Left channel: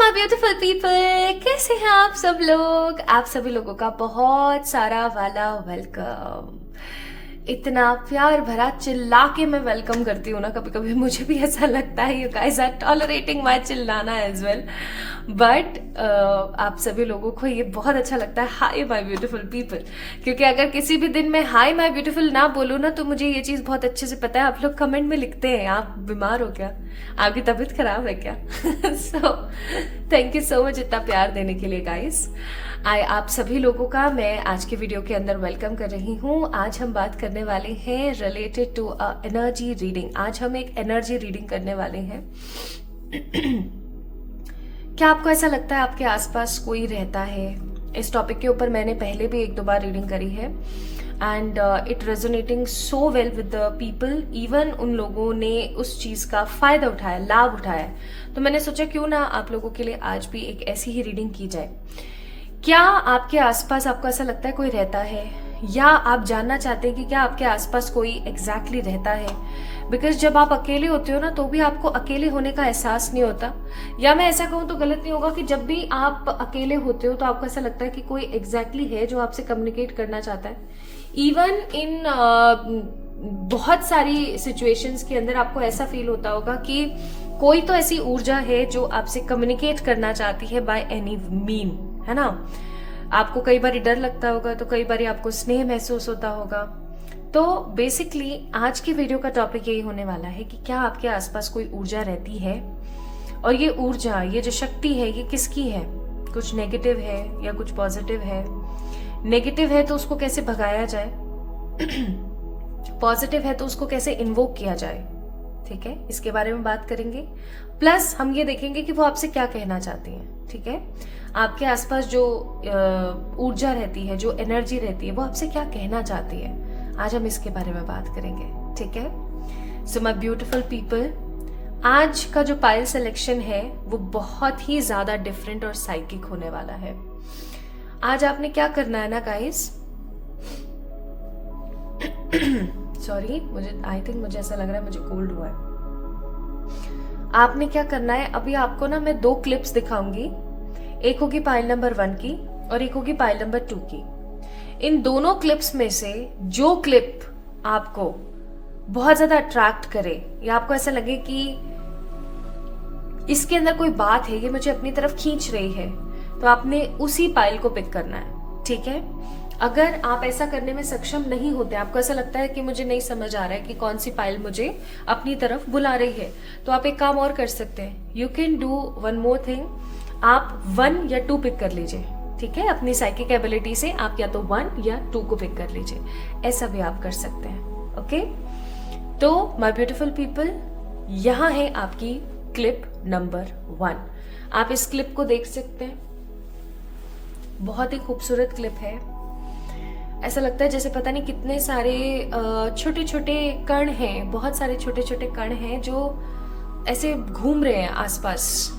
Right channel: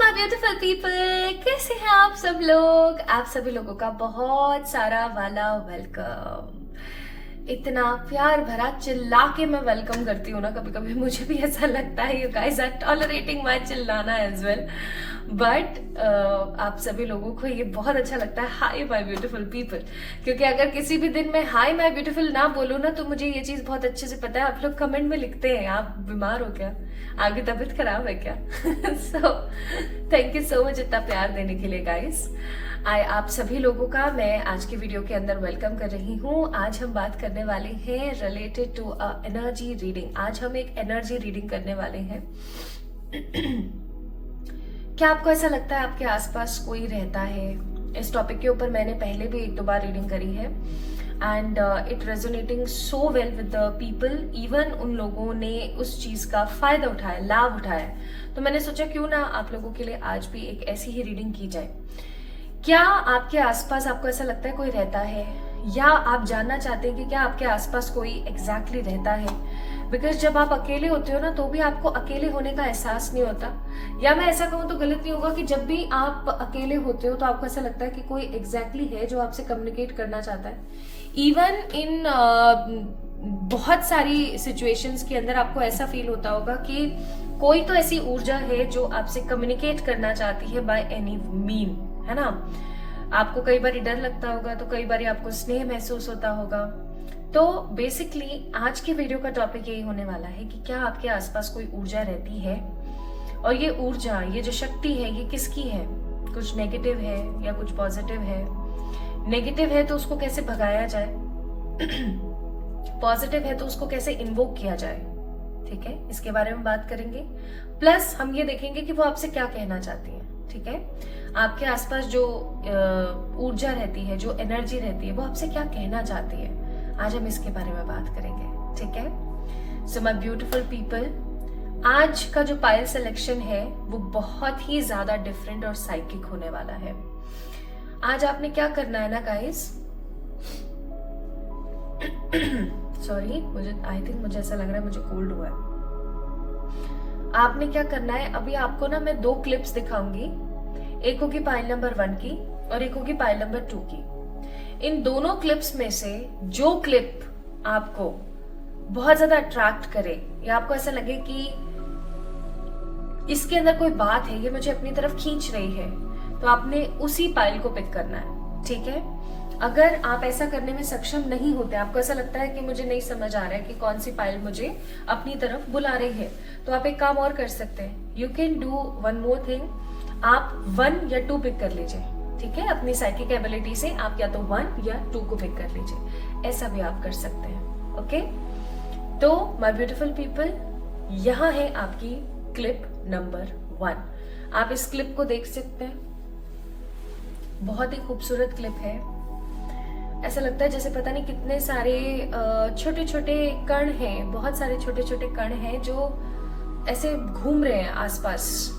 My beautiful people, कैसे हैं आप सब लोग। आप सभी लोगों का बहुत सारा वाला वेलकम। इतना प्यार भरा चिल्ला के मैं वेलकम करती हूँ ना, कभी कभी मुझे भी ऐसा लगता है you guys are tolerating my चिल्लाना एज वेल, बट आप सभी लोगों को ये बहुत अच्छा लगता है हाय माय ब्यूटीफुल पीपल, क्योंकि अगर किसी भी दिन में हाय माय ब्यूटीफुल ना बोलूँ ना तो मुझे ये चीज़ बहुत अच्छे से पता है। आप लोग कमेंट में लिखते हैं आप बीमार हो क्या, आपकी तबीयत खराब है क्या। So thank you so much इतना प्यार देने के लिए गाइस। आप सभी लोगों का मैं आज के वीडियो के अंदर वेलकम कर रही हूँ। आज हम बात करने वाले हैं रिलेटेड टू एनर्जी रीडिंग। आज हम एक एनर्जी रीडिंग करने वाले हैं। क्या आपको ऐसा लगता है आपके आसपास कोई रहता है? इस टॉपिक के ऊपर मैंने पहले भी एक दो बार रीडिंग करी है and it resonating so well with the people. Even उन लोगों ने उस चीज का फायदा उठाया, लाभ उठाया। तो मैंने सोचा क्यों ना आप लोगों के लिए आज भी एक ऐसी ही रीडिंग की जाए। क्या आपके आसपास आपको ऐसा लगता है कोई रहता है, या आप जानना चाहते हैं कि क्या आपके आसपास कोई एग्जैक्टली रहता है? बिकॉज जब आप अकेले होते हो ना तो भी आपको अकेले होने का एहसास नहीं होता, या मैं ऐसा कहूँ तो गलत नहीं होगा कि जब भी आप अकेले होते हो तो आपको ऐसा लगता है कि कोई एग्जैक्टली है जो आपसे कम्युनिकेट करना चाहता है। इवन इन बहुत सारी सिचुएशंस के अंदर आपको ऐसा फील होता होगा कि कोई तो ऐसी ऊर्जा है जो आपसे कम्युनिकेट करना चाहती है बाय एनी मीन, है ना। आपको कई बार डर लगता होगा तो कई बार आपको स्नेह महसूस होता होगा। तो बेसिकली आज की वीडियो का टॉपिक यही होने वाला है कि क्या आपके आसपास कोई ऊर्जा रहती है, और ये ऊर्जा, ये जो शक्ति है, ये किसकी है? कुछ नेगेटिव है या कुछ पॉजिटिव है? नेगेटिव है तो उसको कैसे भगाया जाए, पॉजिटिव है तो उसको कैसे इन्वोक किया जाए, ठीक है, इसके बारे में बात करेंगे। प्लस हम ये देखेंगे कि वो आपसे क्या कहना चाहती हैं, ठीक है। आपके आसपास जो ऊर्जा रहती है, जो एनर्जी रहती है, वो आपसे क्या कहना चाहती है, आज हम इसके बारे में बात करेंगे, ठीक है। सो माय ब्यूटीफुल पीपल, आज का जो पायल सिलेक्शन है वो बहुत ही ज्यादा डिफरेंट और साइकिक होने वाला है। आज आपने क्या करना है ना गाइस, सॉरी मुझे ऐसा लग रहा है मुझे कोल्ड हुआ है। आपने क्या करना है, अभी आपको ना मैं दो क्लिप्स दिखाऊंगी, एक होगी पाइल नंबर 1 की और एक होगी पाइल नंबर 2 की। इन दोनों क्लिप्स में से जो क्लिप आपको बहुत ज्यादा अट्रैक्ट करे, या आपको ऐसा लगे कि इसके अंदर कोई बात है, ये मुझे अपनी तरफ खींच रही है, तो आपने उसी पाइल को पिक करना है, ठीक है। अगर आप ऐसा करने में सक्षम नहीं होते, आपको ऐसा लगता है कि मुझे नहीं समझ आ रहा है कि कौन सी पाइल मुझे अपनी तरफ बुला रही है, तो आप एक काम और कर सकते हैं। You can do one more thing, आप 1 या 2 पिक कर लीजिए, ठीक है। अपनी साइकिक एबिलिटी से आप या तो 1 या 2 को पिक कर लीजिए, ऐसा भी आप कर सकते हैं, ओके। तो माय ब्यूटीफुल पीपल, यहाँ है आपकी क्लिप नंबर 1। आप इस क्लिप को देख सकते हैं, बहुत ही खूबसूरत क्लिप है। ऐसा लगता है जैसे पता नहीं कितने सारे छोटे छोटे कण हैं, बहुत सारे छोटे छोटे कण हैं जो ऐसे घूम रहे हैं आसपास,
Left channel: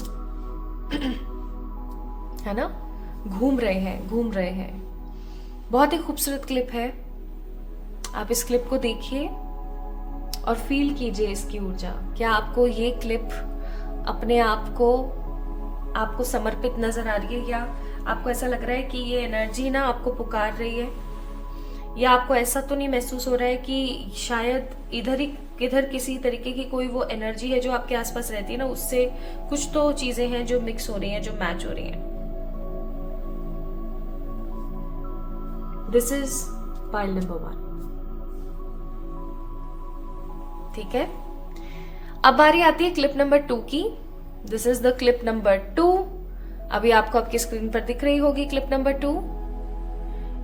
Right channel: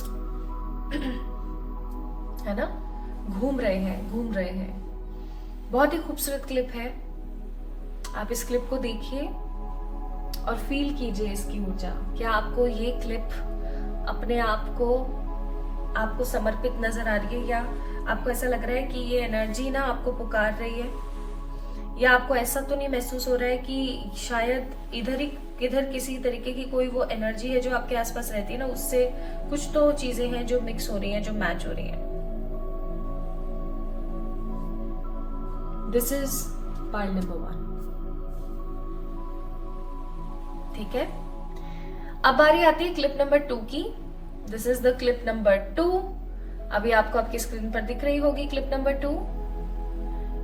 है ना, घूम रहे हैं। बहुत ही खूबसूरत क्लिप है। आप इस क्लिप को देखिए और फील कीजिए इसकी ऊर्जा। क्या आपको ये क्लिप अपने आप को आपको समर्पित नजर आ रही है, या आपको ऐसा लग रहा है कि ये एनर्जी ना आपको पुकार रही है, या आपको ऐसा तो नहीं महसूस हो रहा है कि शायद इधर किसी तरीके की कोई वो एनर्जी है जो आपके आसपास रहती है ना, उससे कुछ तो चीजें हैं जो मिक्स हो रही हैं, जो मैच हो रही हैं। दिस इज पाइल नंबर 1, ठीक है। अब बारी आती है क्लिप नंबर 2 की। This is the clip number 2। अभी आपको आपकी स्क्रीन पर दिख रही होगी क्लिप नंबर 2।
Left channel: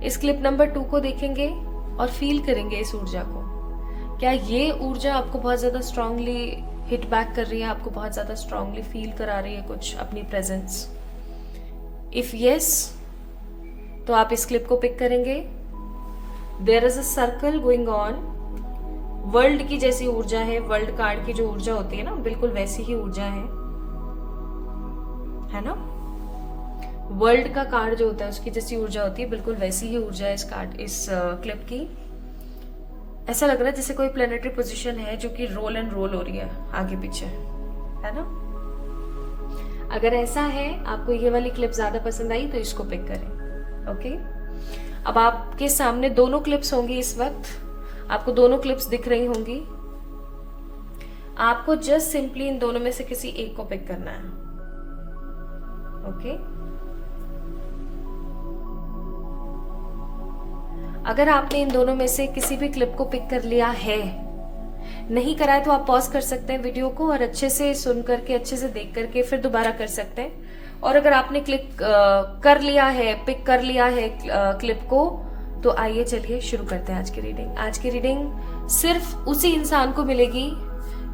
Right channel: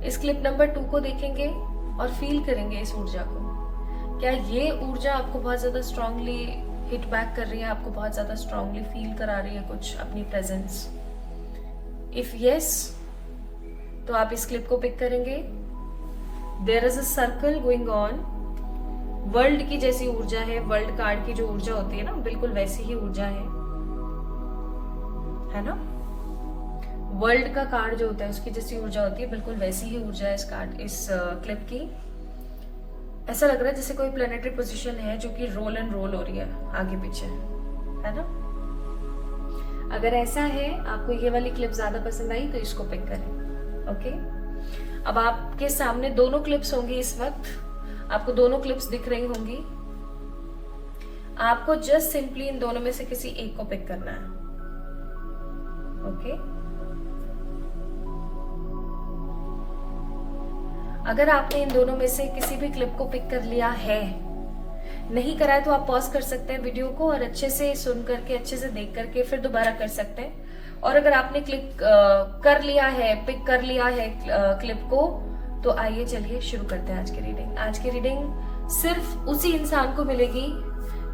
इस क्लिप नंबर 2 को देखेंगे और फील करेंगे इस ऊर्जा को। क्या ये ऊर्जा आपको बहुत ज्यादा स्ट्रांगली हिट बैक कर रही है, आपको बहुत ज्यादा स्ट्रांगली फील करा रही है कुछ अपनी प्रेजेंस? इफ यस, तो आप इस क्लिप को पिक करेंगे। There is a circle going on. World की जैसी ऊर्जा है, वर्ल्ड कार्ड की जो ऊर्जा होती है ना, बिल्कुल वैसी ही ऊर्जा है ना। वर्ल्ड का कार्ड जो होता है उसकी जैसी ऊर्जा होती है, बिल्कुल वैसी ही ऊर्जा है इस क्लिप की। ऐसा लग रहा है जैसे कोई प्लेनेटरी पोजीशन है जो कि रोल एंड रोल हो रही है आगे पीछे, है ना। अगर ऐसा है, आपको ये वाली क्लिप ज्यादा पसंद आई तो इसको पिक करें। ओके, अब आपके सामने दोनों क्लिप्स होंगी इस वक्त, आपको दोनों क्लिप्स दिख रही होंगी। आपको जस्ट सिंपली इन दोनों में से किसी एक को पिक करना है। ओके, अगर आपने इन दोनों में से किसी भी क्लिप को पिक कर लिया है, नहीं करा है तो आप पॉज कर सकते हैं वीडियो को और अच्छे से सुन करके, अच्छे से देख करके फिर दोबारा कर सकते हैं। और अगर आपने क्लिक कर लिया है, पिक कर लिया है क्लिप को, तो आइए चलिए शुरू करते हैं आज की रीडिंग। आज की रीडिंग सिर्फ उसी इंसान को मिलेगी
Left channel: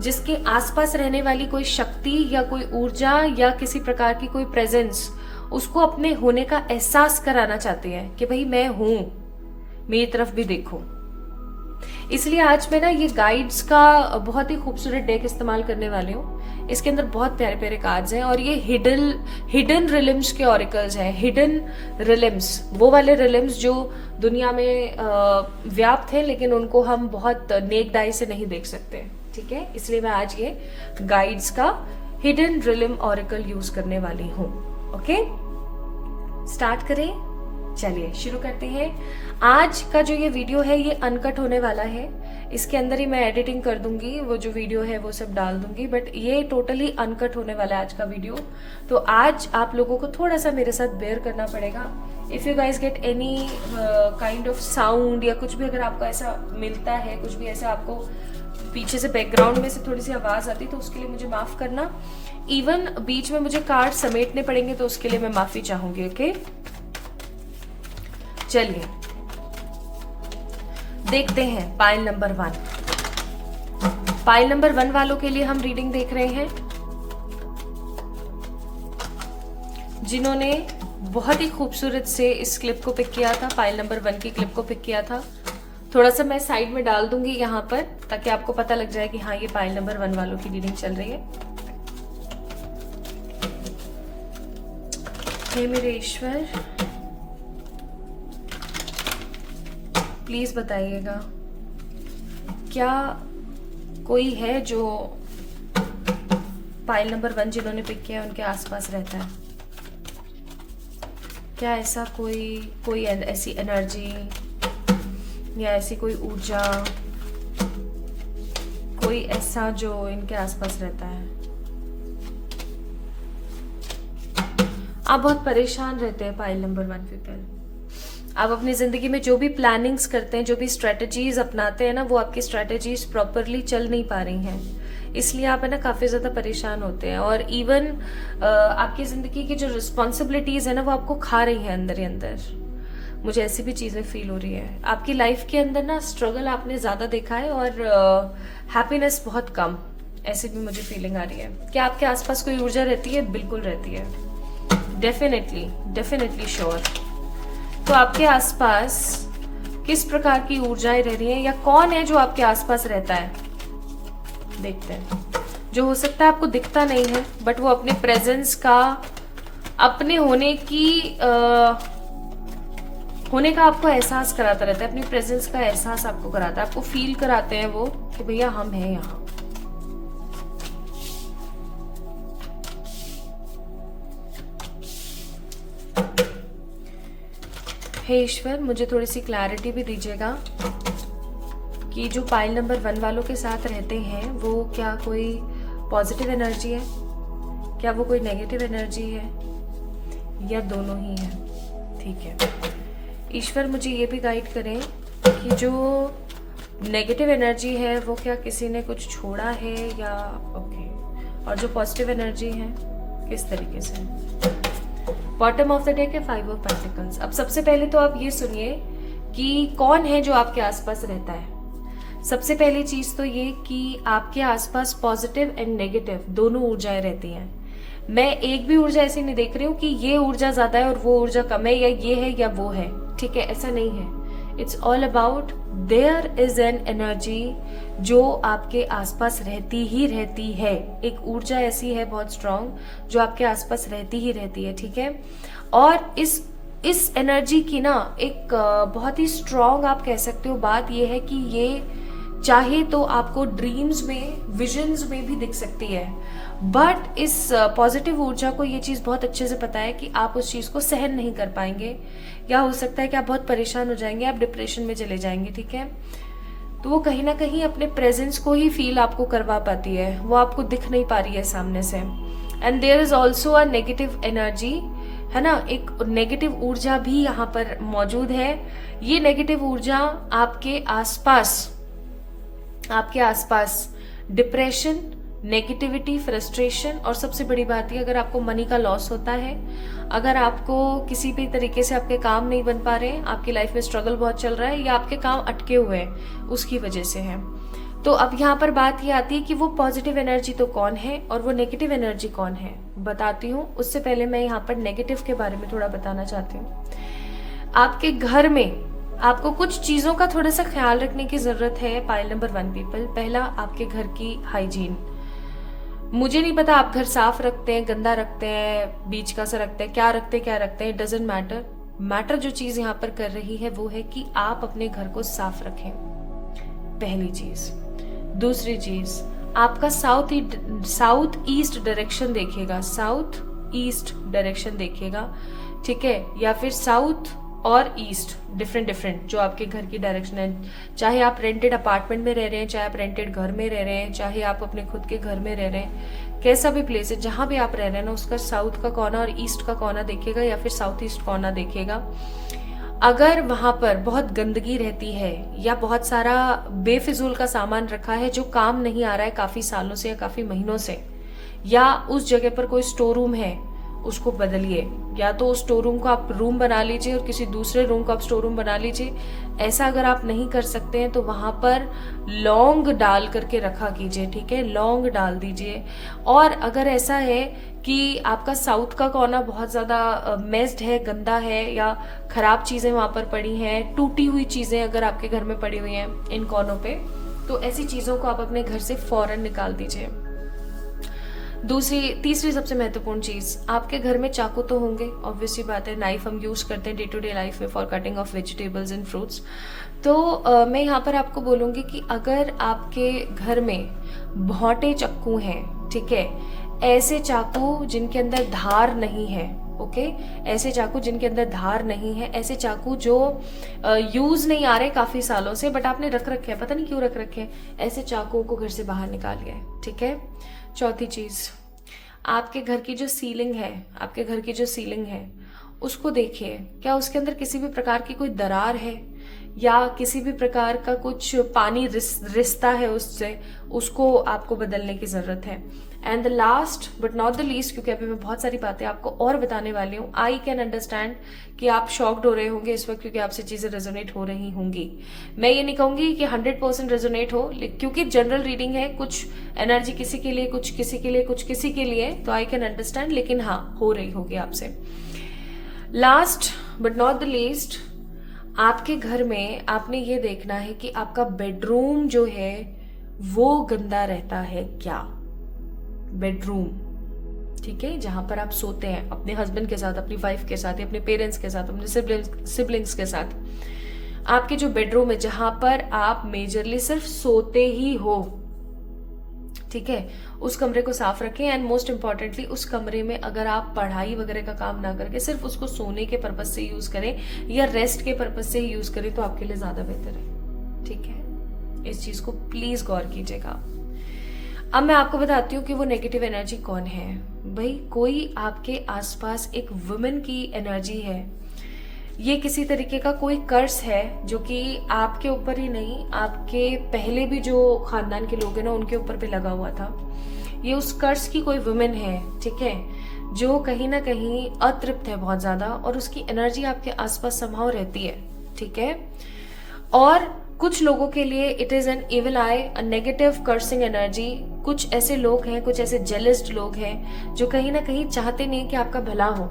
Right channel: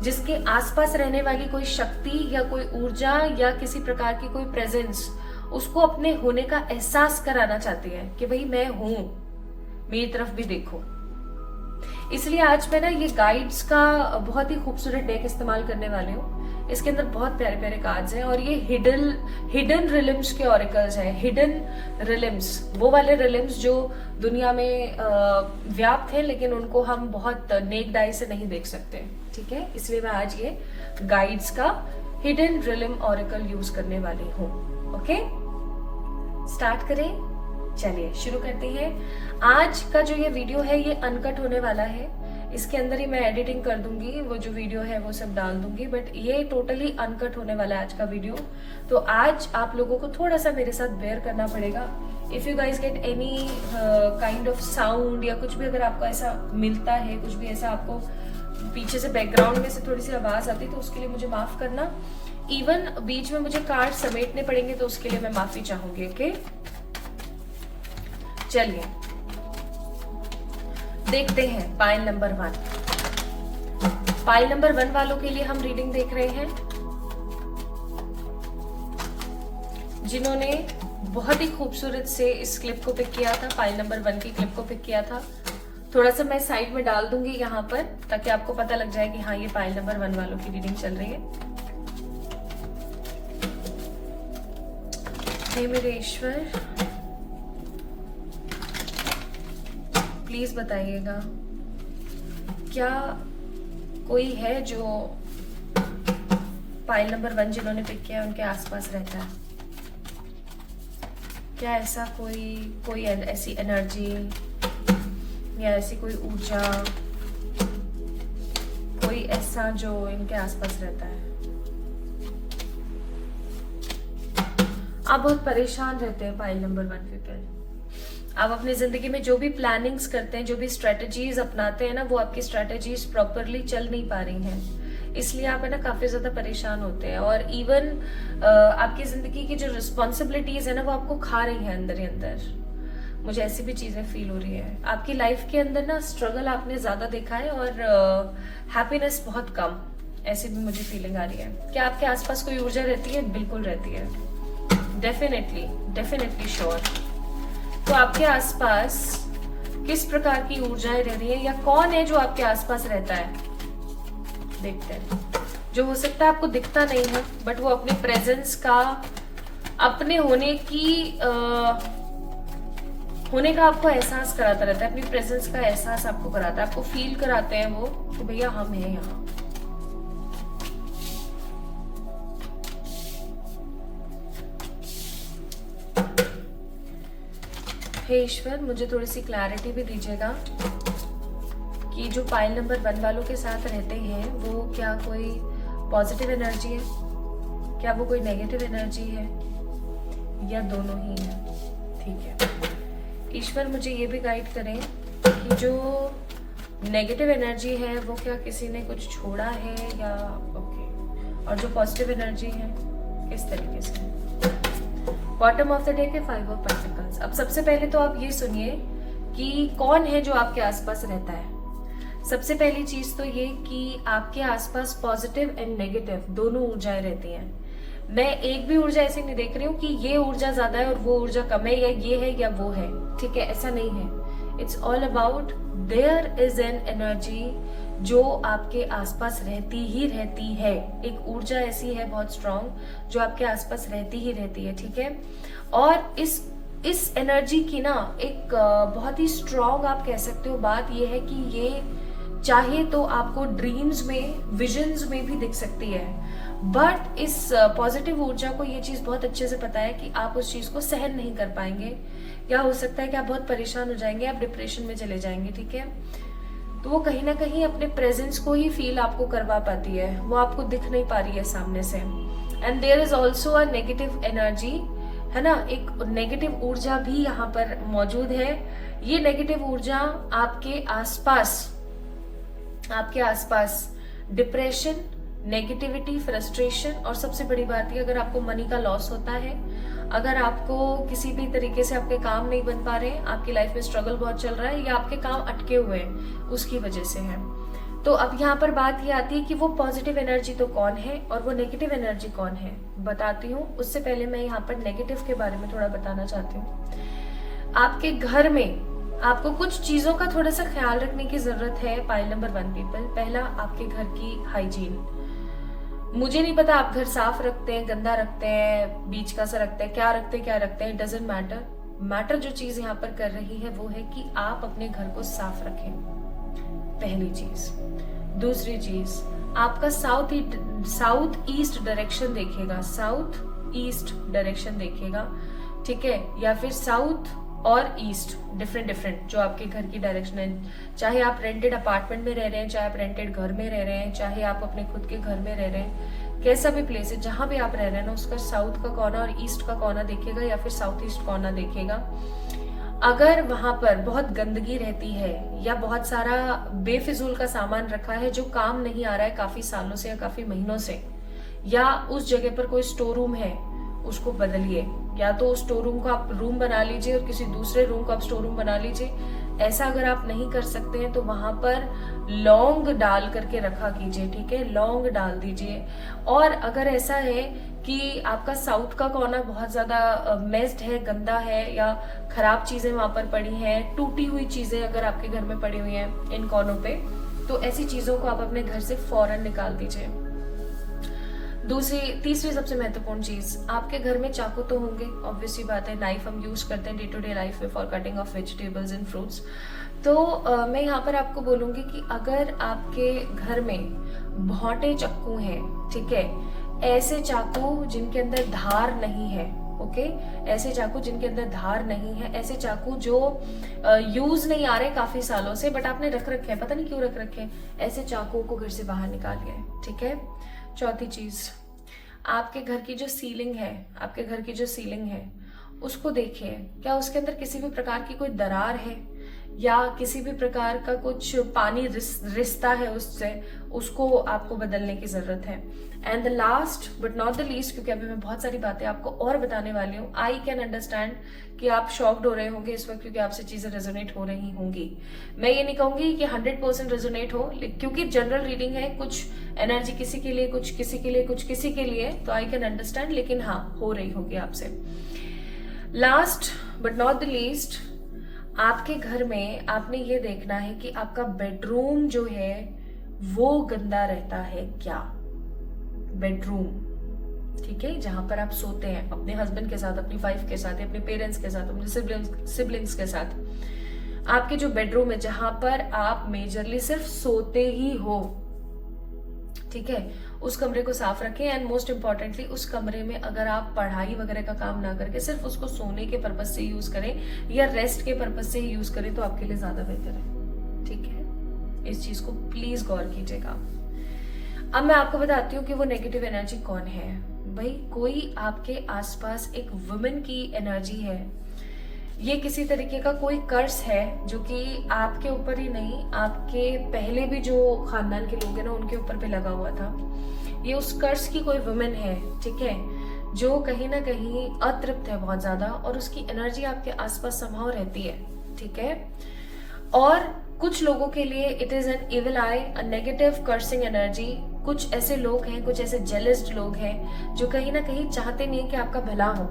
जिसके आसपास रहने वाली कोई शक्ति या कोई ऊर्जा या किसी प्रकार की कोई प्रेजेंस उसको अपने होने का एहसास कराना चाहती है कि भाई मैं हूं, मेरी तरफ भी देखो। इसलिए आज मैं ना ये गाइड्स का बहुत ही खूबसूरत डेक इस्तेमाल करने वाली हूँ। इसके अंदर बहुत प्यारे प्यारे कार्ड्स हैं और ये हिडन रिलिम्स के ऑरिकल्स हैं। हिडन रिलिम्स, वो वाले रिलिम्स जो दुनिया में व्याप्त हैं लेकिन उनको हम बहुत नेक्ड आई से नहीं देख सकते। ठीक है, इसलिए मैं आज ये गाइड्स का हिडन रिलिम ऑरिकल यूज करने वाली हूँ। ओके, स्टार्ट करें, चलिए शुरू करते हैं। आज का जो ये वीडियो है ये अनकट होने वाला है। इसके अंदर ही मैं एडिटिंग कर दूंगी, वो जो वीडियो है वो सब डाल दूंगी, बट ये टोटली अनकट होने वाला है आज का वीडियो। तो आज आप लोगों को थोड़ा सा मेरे साथ बेयर करना पड़ेगा। If you guys get any kind of sound या कुछ भी अगर आपको ऐसा मिलता है, कुछ भी ऐसा आपको पीछे से बैकग्राउंड में से थोड़ी सी आवाज आती, तो उसके लिए मुझे माफ करना। इवन बीच में मुझे कार्ड समेटने पड़ेंगे तो उसके लिए मैं माफी चाहूंगी। ओके, चलिए देखते हैं पाइल नंबर 1। पाइल नंबर 1 वालों के लिए हम रीडिंग देख रहे हैं जिन्होंने बहुत ही खूबसूरत से इस क्लिप को पिक किया था, पाइल नंबर 1 की क्लिप को पिक किया था। थोड़ा सा मैं साइड में डाल दूंगी यहाँ पर ताकि आपको पता लग जाए कि हाँ ये पाइल नंबर 1 वालों की रीडिंग चल रही है। हे मेरे ईश्वर, प्लीज बताइएगा क्या कोई है जो पाइल नंबर 1 जिन्होंने पिक किया है उनके आसपास रहता है? क्या ऐसा कोई ऐसी एनर्जी या ऐसी कोई ऊर्जा, कोई ऐसा जो इनके आसपास रहता है? आप बहुत परेशान रहते हैं पाइल नंबर 1 पीपल। आप अपनी जिंदगी में जो भी प्लानिंग्स करते हैं, जो भी स्ट्रेटजीज अपनाते हैं ना, वो आपकी स्ट्रेटजीज प्रॉपरली चल नहीं पा रही हैं, इसलिए आप है ना काफी ज्यादा परेशान होते हैं। और इवन आपकी जिंदगी की जो रिस्पॉन्सिबिलिटीज है ना वो आपको खा रही है अंदर ही अंदर। मुझे ऐसी भी चीजें फील हो रही है। आपकी लाइफ के अंदर ना स्ट्रगल आपने ज्यादा देखा है और हैप्पीनेस बहुत कम, ऐसी भी मुझे फीलिंग आ रही है। क्या आपके आसपास कोई ऊर्जा रहती है? बिल्कुल रहती है, डेफिनेटली श्योर। तो आपके आसपास किस प्रकार की ऊर्जाएं रह रही हैं या कौन है जो आपके आसपास रहता है? देखते हैं। जो हो सकता है आपको दिखता नहीं है बट वो अपने प्रेजेंस का, अपने होने का आपको एहसास कराता रहता है, अपनी प्रेजेंस का एहसास आपको कराता है, आपको फील कराते हैं वो कि भैया हम हैं यहाँ। हे ईश्वर, मुझे थोड़ी सी क्लैरिटी भी दीजिएगा कि जो पाइल नंबर 1 वालों के साथ रहते हैं वो क्या कोई पॉजिटिव एनर्जी है, क्या वो कोई नेगेटिव एनर्जी है, या दोनों ही है? ठीक है ईश्वर, मुझे ये भी गाइड करें कि जो नेगेटिव एनर्जी है वो क्या किसी ने कुछ छोड़ा है या ओके, और जो पॉजिटिव एनर्जी है किस तरीके से? बॉटम ऑफ द डेक है 5 ऑफ पेंटिकल्स। अब सबसे पहले तो आप ये सुनिए कि कौन है जो आपके आसपास रहता है। सबसे पहली चीज तो ये कि आपके आसपास पॉजिटिव एंड नेगेटिव दोनों ऊर्जाएं रहती हैं। मैं एक भी ऊर्जा ऐसी नहीं देख रही हूँ कि ये ऊर्जा ज्यादा है और वो ऊर्जा कम है, या ये है या वो है। ठीक है, ऐसा नहीं है। It's all about their is an energy जो आपके आसपास रहती है। एक ऊर्जा ऐसी है बहुत स्ट्रांग जो आपके आसपास रहती है। ठीक है, और इस एनर्जी की ना एक बहुत ही स्ट्रांग आप कह सकते हो बात यह है कि ये चाहे तो आपको ड्रीम्स में, विजन्स में भी दिख सकती है। बट इस पॉजिटिव ऊर्जा को ये चीज बहुत अच्छे से पता है कि आप उस चीज को सहन नहीं कर पाएंगे, या हो सकता है कि आप बहुत परेशान हो जाएंगे, आप डिप्रेशन में चले जाएंगे, ठीक है। तो वो कहीं ना कहीं अपने प्रेजेंस को ही फील आपको करवा पाती है, वो आपको दिख नहीं पा रही है सामने से। And there is also a negative energy, है ना, एक नेगेटिव ऊर्जा भी यहाँ पर मौजूद है। ये नेगेटिव ऊर्जा आपके आसपास डिप्रेशन, नेगेटिविटी, फ्रस्ट्रेशन, और सबसे बड़ी बात है अगर आपको मनी का लॉस होता है, अगर आपको किसी भी तरीके से आपके काम नहीं बन पा रहे, आपकी लाइफ में स्ट्रगल बहुत चल रहा है, या आपके काम अटके हुए हैं उसकी वजह से है। तो अब यहाँ पर बात ये आती है कि वो पॉजिटिव एनर्जी तो कौन है और वो नेगेटिव एनर्जी कौन है, बताती हूँ। उससे पहले मैं यहाँ पर नेगेटिव के बारे में थोड़ा बताना चाहती हूँ। आपके घर में आपको कुछ चीजों का थोड़ा सा ख्याल रखने की जरूरत है। पाइल नंबर 1 पीपल, पहला आपके घर की हाइजीन। मुझे नहीं पता आप घर साफ रखते हैं, गंदा रखते हैं, बीच का सा रखते हैं, क्या रखते हैं, इट डजंट मैटर। जो चीज यहाँ पर कर रही है वो है कि आप अपने घर को साफ रखें, पहली चीज। दूसरी चीज, आपका साउथ ईस्ट डायरेक्शन देखेगा, साउथ ईस्ट डायरेक्शन देखेगा, ठीक है, या फिर साउथ और ईस्ट, डिफरेंट जो आपके घर की डायरेक्शन है। चाहे आप रेंटेड अपार्टमेंट में रह रहे हैं, चाहे आप रेंटेड घर में रह रहे हैं, चाहे आप अपने खुद के घर में रह रहे हैं, कैसा भी प्लेस है, जहां भी आप रह रहे हैं ना, उसका साउथ का कोना और ईस्ट का कोना देखेगा, या फिर साउथ ईस्ट कोना देखेगा। अगर वहां पर बहुत गंदगी रहती है या बहुत सारा बेफिजूल का सामान रखा है जो काम नहीं आ रहा है काफी सालों से या काफी महीनों से, या उस जगह पर कोई स्टोर रूम है, उसको बदलिए। या तो उस स्टोर रूम को आप रूम बना लीजिए और किसी दूसरे रूम को आप स्टोर रूम बना लीजिए। ऐसा अगर आप नहीं कर सकते हैं तो वहां पर लौंग डाल करके रखा कीजिए, ठीक है, लौंग डाल दीजिए। और अगर ऐसा है कि आपका साउथ का कोना बहुत ज्यादा मेस्ड है, गंदा है, या खराब चीजें वहां पर पड़ी हैं, टूटी हुई चीजें अगर आपके घर में पड़ी हुई हैं इन कोनों पे, तो ऐसी चीजों को आप अपने घर से फौरन निकाल दीजिए। तीसरी सबसे महत्वपूर्ण चीज, आपके घर में चाकू तो होंगे, ऑब्वियसली बात है, नाइफ हम यूज करते हैं डे टू डे लाइफ में for cutting of vegetables and fruits. तो मैं यहाँ पर आपको बोलूंगी कि अगर आपके घर में भौंटे चाकू हैं, ठीक है, ऐसे चाकू जिनके अंदर धार नहीं है, ओके, ऐसे चाकू जिनके अंदर धार नहीं है, ऐसे चाकू जो यूज नहीं आ रहे काफी सालों से बट आपने रख रखे हैं, पता नहीं क्यों रख रखे हैं, ऐसे चाकुओं को घर से बाहर निकालिए, ठीक है। चौथी चीज, आपके घर की जो सीलिंग है उसको देखिए, क्या उसके अंदर किसी भी प्रकार की कोई दरार है या किसी भी प्रकार का कुछ पानी रिसता है उससे, उसको आपको बदलने की जरूरत है। And the last but not the least, क्योंकि अभी मैं बहुत सारी बातें आपको और बताने वाली हूँ, आई कैन अंडरस्टैंड कि आप शॉक्ड हो रहे होंगे इस वक्त क्योंकि आपसे चीजें रेजोनेट हो रही होंगी। मैं ये नहीं कहूंगी कि 100% रेजोनेट हो, क्योंकि जनरल रीडिंग है, कुछ एनर्जी किसी के लिए, कुछ किसी के लिए, कुछ किसी के लिए, तो आई कैन अंडरस्टैंड, लेकिन हाँ हो रही होगी आपसे। Last but not the least, आपके घर में आपने ये देखना है कि आपका बेडरूम जो है वो गंदा रहता है क्या, बेडरूम, ठीक है, जहां पर आप सोते हैं अपने हस्बैंड के साथ, अपनी वाइफ के साथ, अपने पेरेंट्स के साथ, अपने सिबलिंग्स के साथ, आपके जो बेडरूम है जहां पर आप मेजरली सिर्फ सोते ही हो, ठीक है, उस कमरे को साफ रखें। एंड मोस्ट इंपॉर्टेंटली उस कमरे में अगर आप पढ़ाई वगैरह का काम ना करके सिर्फ उसको सोने के पर्पज से यूज करें या रेस्ट के पर्पज से यूज करें तो आपके लिए ज्यादा बेहतर है, ठीक है। इस चीज को प्लीज गौर कीजिएगा। अब मैं आपको बताती हूँ कि वो नेगेटिव एनर्जी कौन है। भाई, कोई आपके आसपास एक वुमेन की एनर्जी है, ये किसी तरीके का कोई कर्स है जो कि आपके ऊपर ही नहीं, आपके पहले भी जो खानदान के लोग हैं ना उनके ऊपर भी लगा हुआ था। ये उस कर्स की कोई वुमेन है, ठीक है, जो कहीं ना कहीं अतृप्त है बहुत ज्यादा और उसकी एनर्जी आपके आसपास संभाव रहती है, ठीक है। और कुछ लोगों के लिए it is an evil I, a negative cursing energy. कुछ ऐसे लोग हैं, कुछ ऐसे जेलस्ड लोग हैं जो कहीं ना कहीं चाहते नहीं कि आपका भला हो,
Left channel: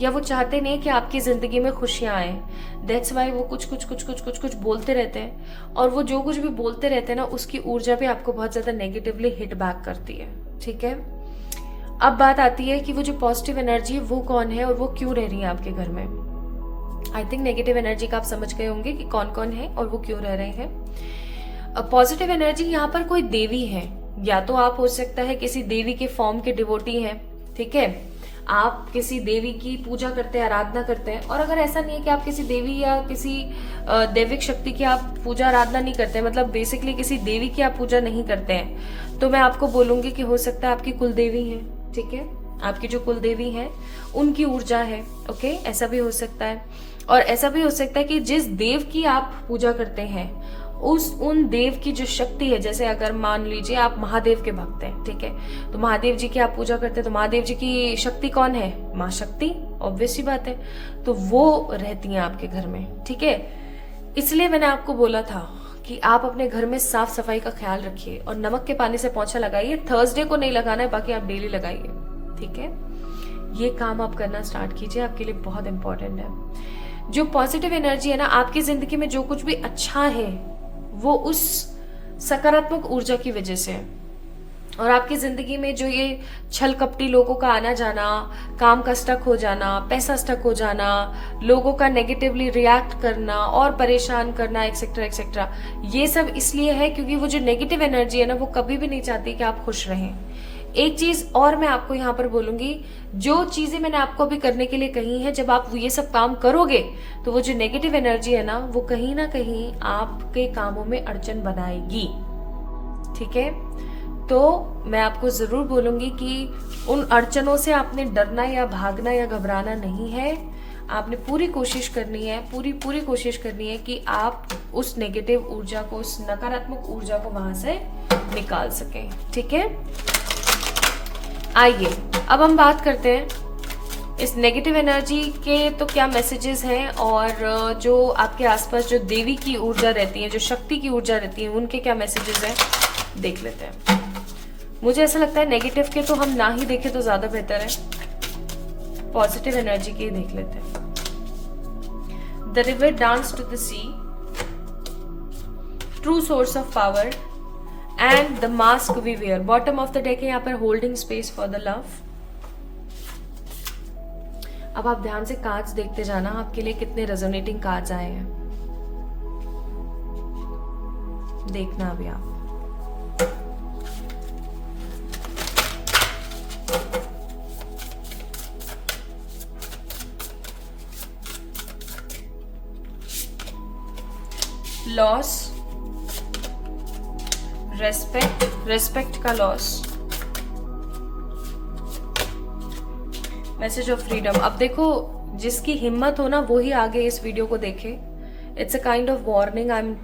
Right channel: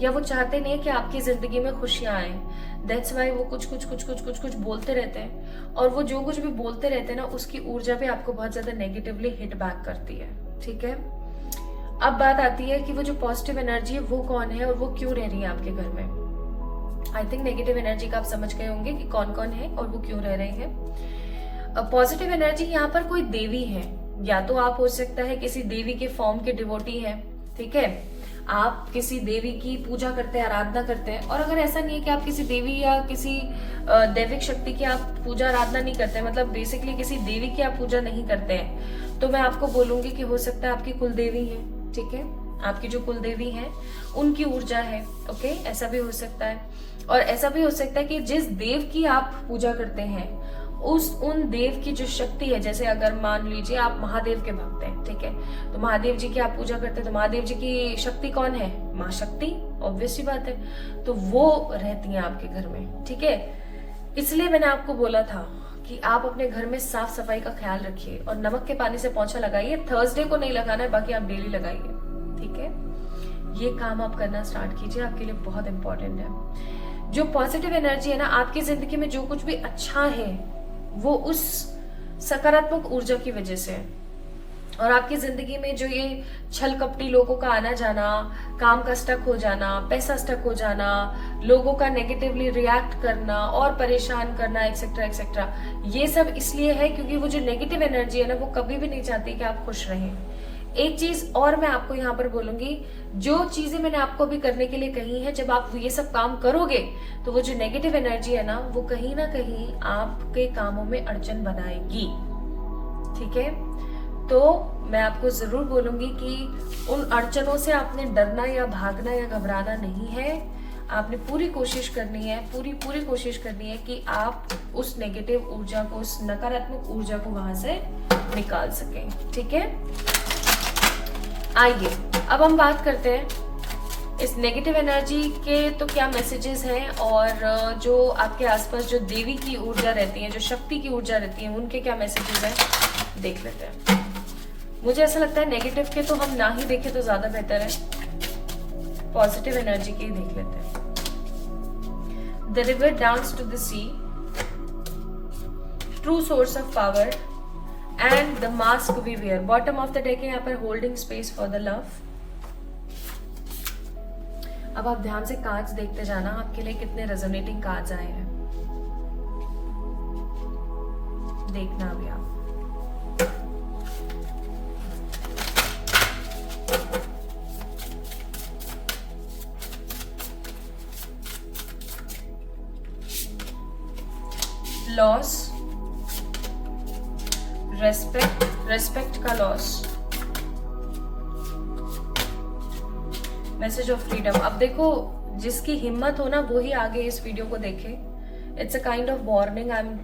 या वो चाहते नहीं कि आपकी जिंदगी में खुशियां आए। दैट्स वाई वो कुछ बोलते रहते हैं, और वो जो कुछ भी बोलते रहते हैं ना उसकी ऊर्जा भी आपको बहुत ज्यादा नेगेटिवली हिट बैक करती है, ठीक है। अब बात आती है कि वो जो पॉजिटिव एनर्जी है वो कौन है और वो क्यों रह रही है आपके घर में। आई थिंक नेगेटिव एनर्जी का आप समझ गए होंगे कि कौन कौन है और वो क्यों रह रहे हैं। पॉजिटिव एनर्जी यहाँ पर कोई देवी है, या तो आप हो सकता है किसी देवी के फॉर्म के डिवोटी हैं, ठीक है, आप किसी देवी की पूजा करते हैं, आराधना करते हैं। और अगर ऐसा नहीं है कि आप किसी देवी या किसी दैविक शक्ति की आप पूजा आराधना नहीं करते, मतलब बेसिकली किसी देवी की आप पूजा नहीं करते हैं, तो मैं आपको बोलूंगी कि हो सकता है आपकी कुल देवी है, ठीक है, आपकी जो कुल देवी है उनकी ऊर्जा है, ओके, ऐसा भी हो सकता है। और ऐसा भी हो सकता है कि जिस देव की आप पूजा करते हैं उन देव की जो शक्ति है, जैसे अगर मान लीजिए आप महादेव के भक्त हैं, ठीक है, तो महादेव जी की आप पूजा करते हैं, तो महादेव जी की शक्ति कौन है? माँ शक्ति, ऑब्वियस सी बात है, तो वो रहती है आपके घर में, ठीक है। इसलिए मैंने आपको बोला था कि आप अपने घर में साफ सफाई का ख्याल रखिए और नमक के पानी से पोंछा लगाइए। थर्सडे को नहीं लगाना है, बाकी आप डेली लगाइए, ठीक है। ये काम आप करना स्टार्ट कीजिए, आपके लिए बहुत इंपॉर्टेंट है। जो पॉजिटिव एनर्जी है ना आपकी जिंदगी में, जो कुछ भी अच्छा है वो उस सकारात्मक ऊर्जा की वजह से है। और आपकी जिंदगी में जो ये छल कपटी लोगों का आना जाना, काम का स्टक हो जाना, पैसा स्टक हो जाना, लोगों का नेगेटिवली रिएक्ट करना और परेशान करना, एक्सेट्रा एक्सेट्रा, ये सब इसलिए है क्योंकि वो जो नेगेटिव एनर्जी है ना वो कभी भी नहीं चाहती कि आप खुश रहें। एक चीज और मैं आपको यहाँ पर बोलूंगी, जो चीजें मैंने आपको अभी करने के लिए कही है, जब आप ये सब काम करोगे तो वो जो नेगेटिव एनर्जी है ना कहीं ना कहीं आपके कामों में अड़चन बनाएगी, ठीक है। तो मैं आपको जरूर बोलूंगी कि उन अड़चनों से आपने डरना या भागना या घबराना नहीं है। आपने पूरी कोशिश करनी है, पूरी कोशिश करनी है कि आप उस नेगेटिव ऊर्जा को, उस नकारात्मक ऊर्जा को वहां से निकाल सकें, ठीक है। आइए अब हम बात करते हैं इस नेगेटिव एनर्जी के तो क्या मैसेजेस हैं, और जो आपके आसपास जो देवी की ऊर्जा रहती है, जो शक्ति की ऊर्जा रहती है, उनके क्या मैसेजेस हैं देख लेते हैं। मुझे ऐसा लगता है नेगेटिव के तो हम ना ही देखें तो ज्यादा बेहतर है, पॉजिटिव एनर्जी के देख लेते हैं। The river dance to the sea, true source of power and the mask we wear. Bottom of the deck है यहाँ पर holding space for the love. अब आप ध्यान से कार्ड्स देखते जाना, आपके लिए कितने रेजोनेटिंग कार्ड्स आए हैं देखना अभी आप। लॉस, रेस्पेक्ट का लॉस, मैसेज ऑफ फ्रीडम। अब देखो, जिसकी हिम्मत हो ना वो ही आगे इस वीडियो को देखे। It's a kind of warning I am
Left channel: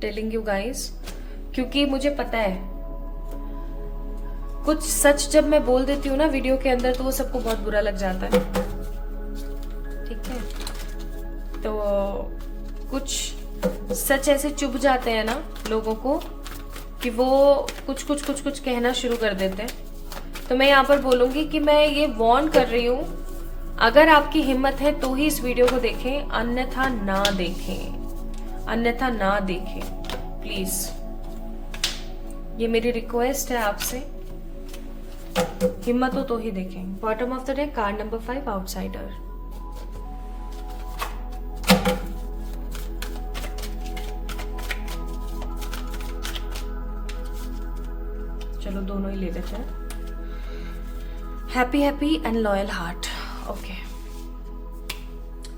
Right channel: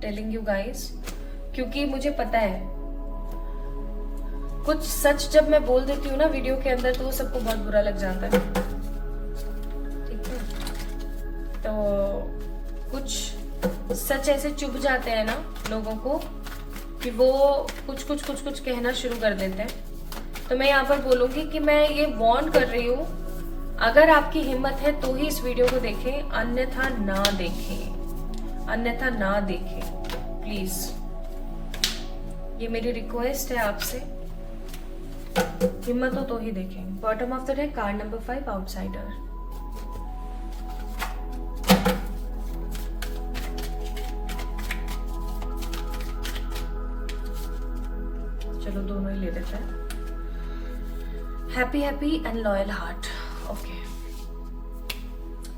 telling you guys, क्योंकि मुझे पता है कुछ सच जब मैं बोल देती हूँ ना वीडियो के अंदर तो वो सबको बहुत बुरा लग जाता है, ठीक है। तो कुछ सच ऐसे चुभ जाते हैं ना लोगों को कि वो कुछ कहना शुरू कर देते हैं। तो मैं यहाँ पर बोलूंगी कि मैं ये वार्न कर रही हूँ, अगर आपकी हिम्मत है तो ही इस वीडियो को देखें, अन्यथा ना देखें प्लीज। ये मेरी रिक्वेस्ट है आपसे, हिम्मत हो तो ही देखें। Bottom of the deck card number 5, outsider. चलो दोनों ही ले लेते हैं। Happy and loyal heart, okay.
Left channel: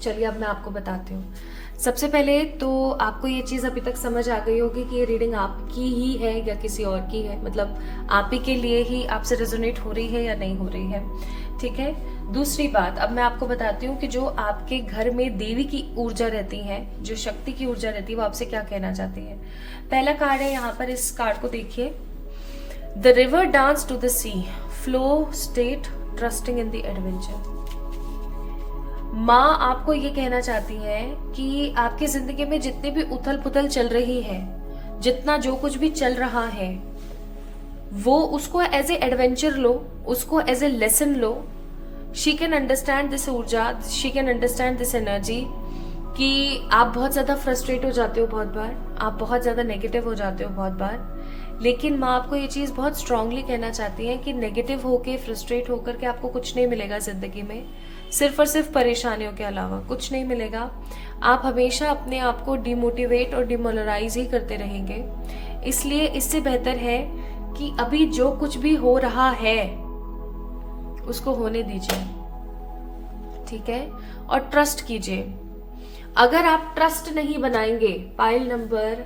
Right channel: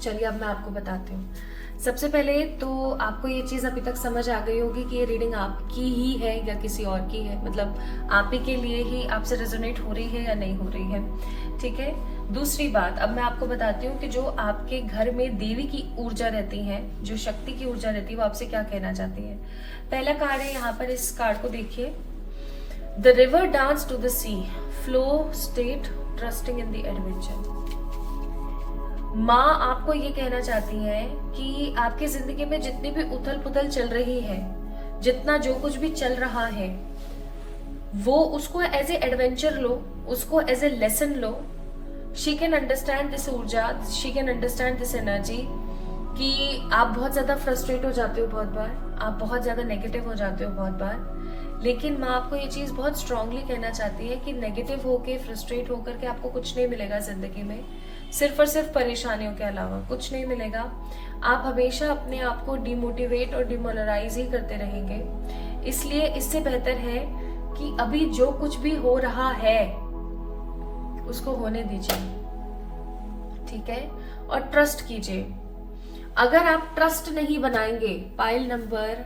चलिए अब मैं आपको बताती हूँ। सबसे पहले तो आपको ये चीज अभी तक समझ आ गई होगी कि ये रीडिंग आपकी ही है या किसी और की है, मतलब आप ही के लिए ही आपसे रेजोनेट हो रही है या नहीं हो रही है, ठीक है। दूसरी बात, अब मैं आपको बताती हूँ कि जो आपके घर में देवी की ऊर्जा रहती है, जो शक्ति की ऊर्जा रहती है, वो आपसे क्या कहना चाहती है। पहला कार्ड है यहाँ पर, इस कार्ड को देखिए। The river dance to the sea, flow state trusting in the adventure. माँ आपको ये कहना चाहती है कि आपकी जिंदगी में जितनी भी उथल पुथल चल रही है, जितना जो कुछ भी चल रहा है, वो उसको एज ए एडवेंचर लो, उसको एज ए लेसन लो। शी कैन अंडरस्टैंड दिस ऊर्जा, she can understand this energy कि आप बहुत ज्यादा फ्रस्ट्रेट हो जाते हो, बहुत बार आप बहुत ज्यादा नेगेटिव हो जाते हो बहुत बार, लेकिन माँ आपको ये चीज बहुत स्ट्रांगली कहना चाहती है कि नेगेटिव होके, फ्रस्ट्रेट होकर के आपको कुछ नहीं मिलेगा जिंदगी में, सिर्फ और सिर्फ परेशानियों के अलावा कुछ नहीं मिलेगा। आप हमेशा अपने आप को डिमोटिवेट और डिमोरलाइज ही करते रहेंगे। इसलिए इससे बेहतर है कि अभी जो कुछ भी हो रहा है उसको होने दीजिए, ठीक है, और ट्रस्ट कीजिए। अगर आप ट्रस्ट नहीं बनाएंगे, पाइल नंबर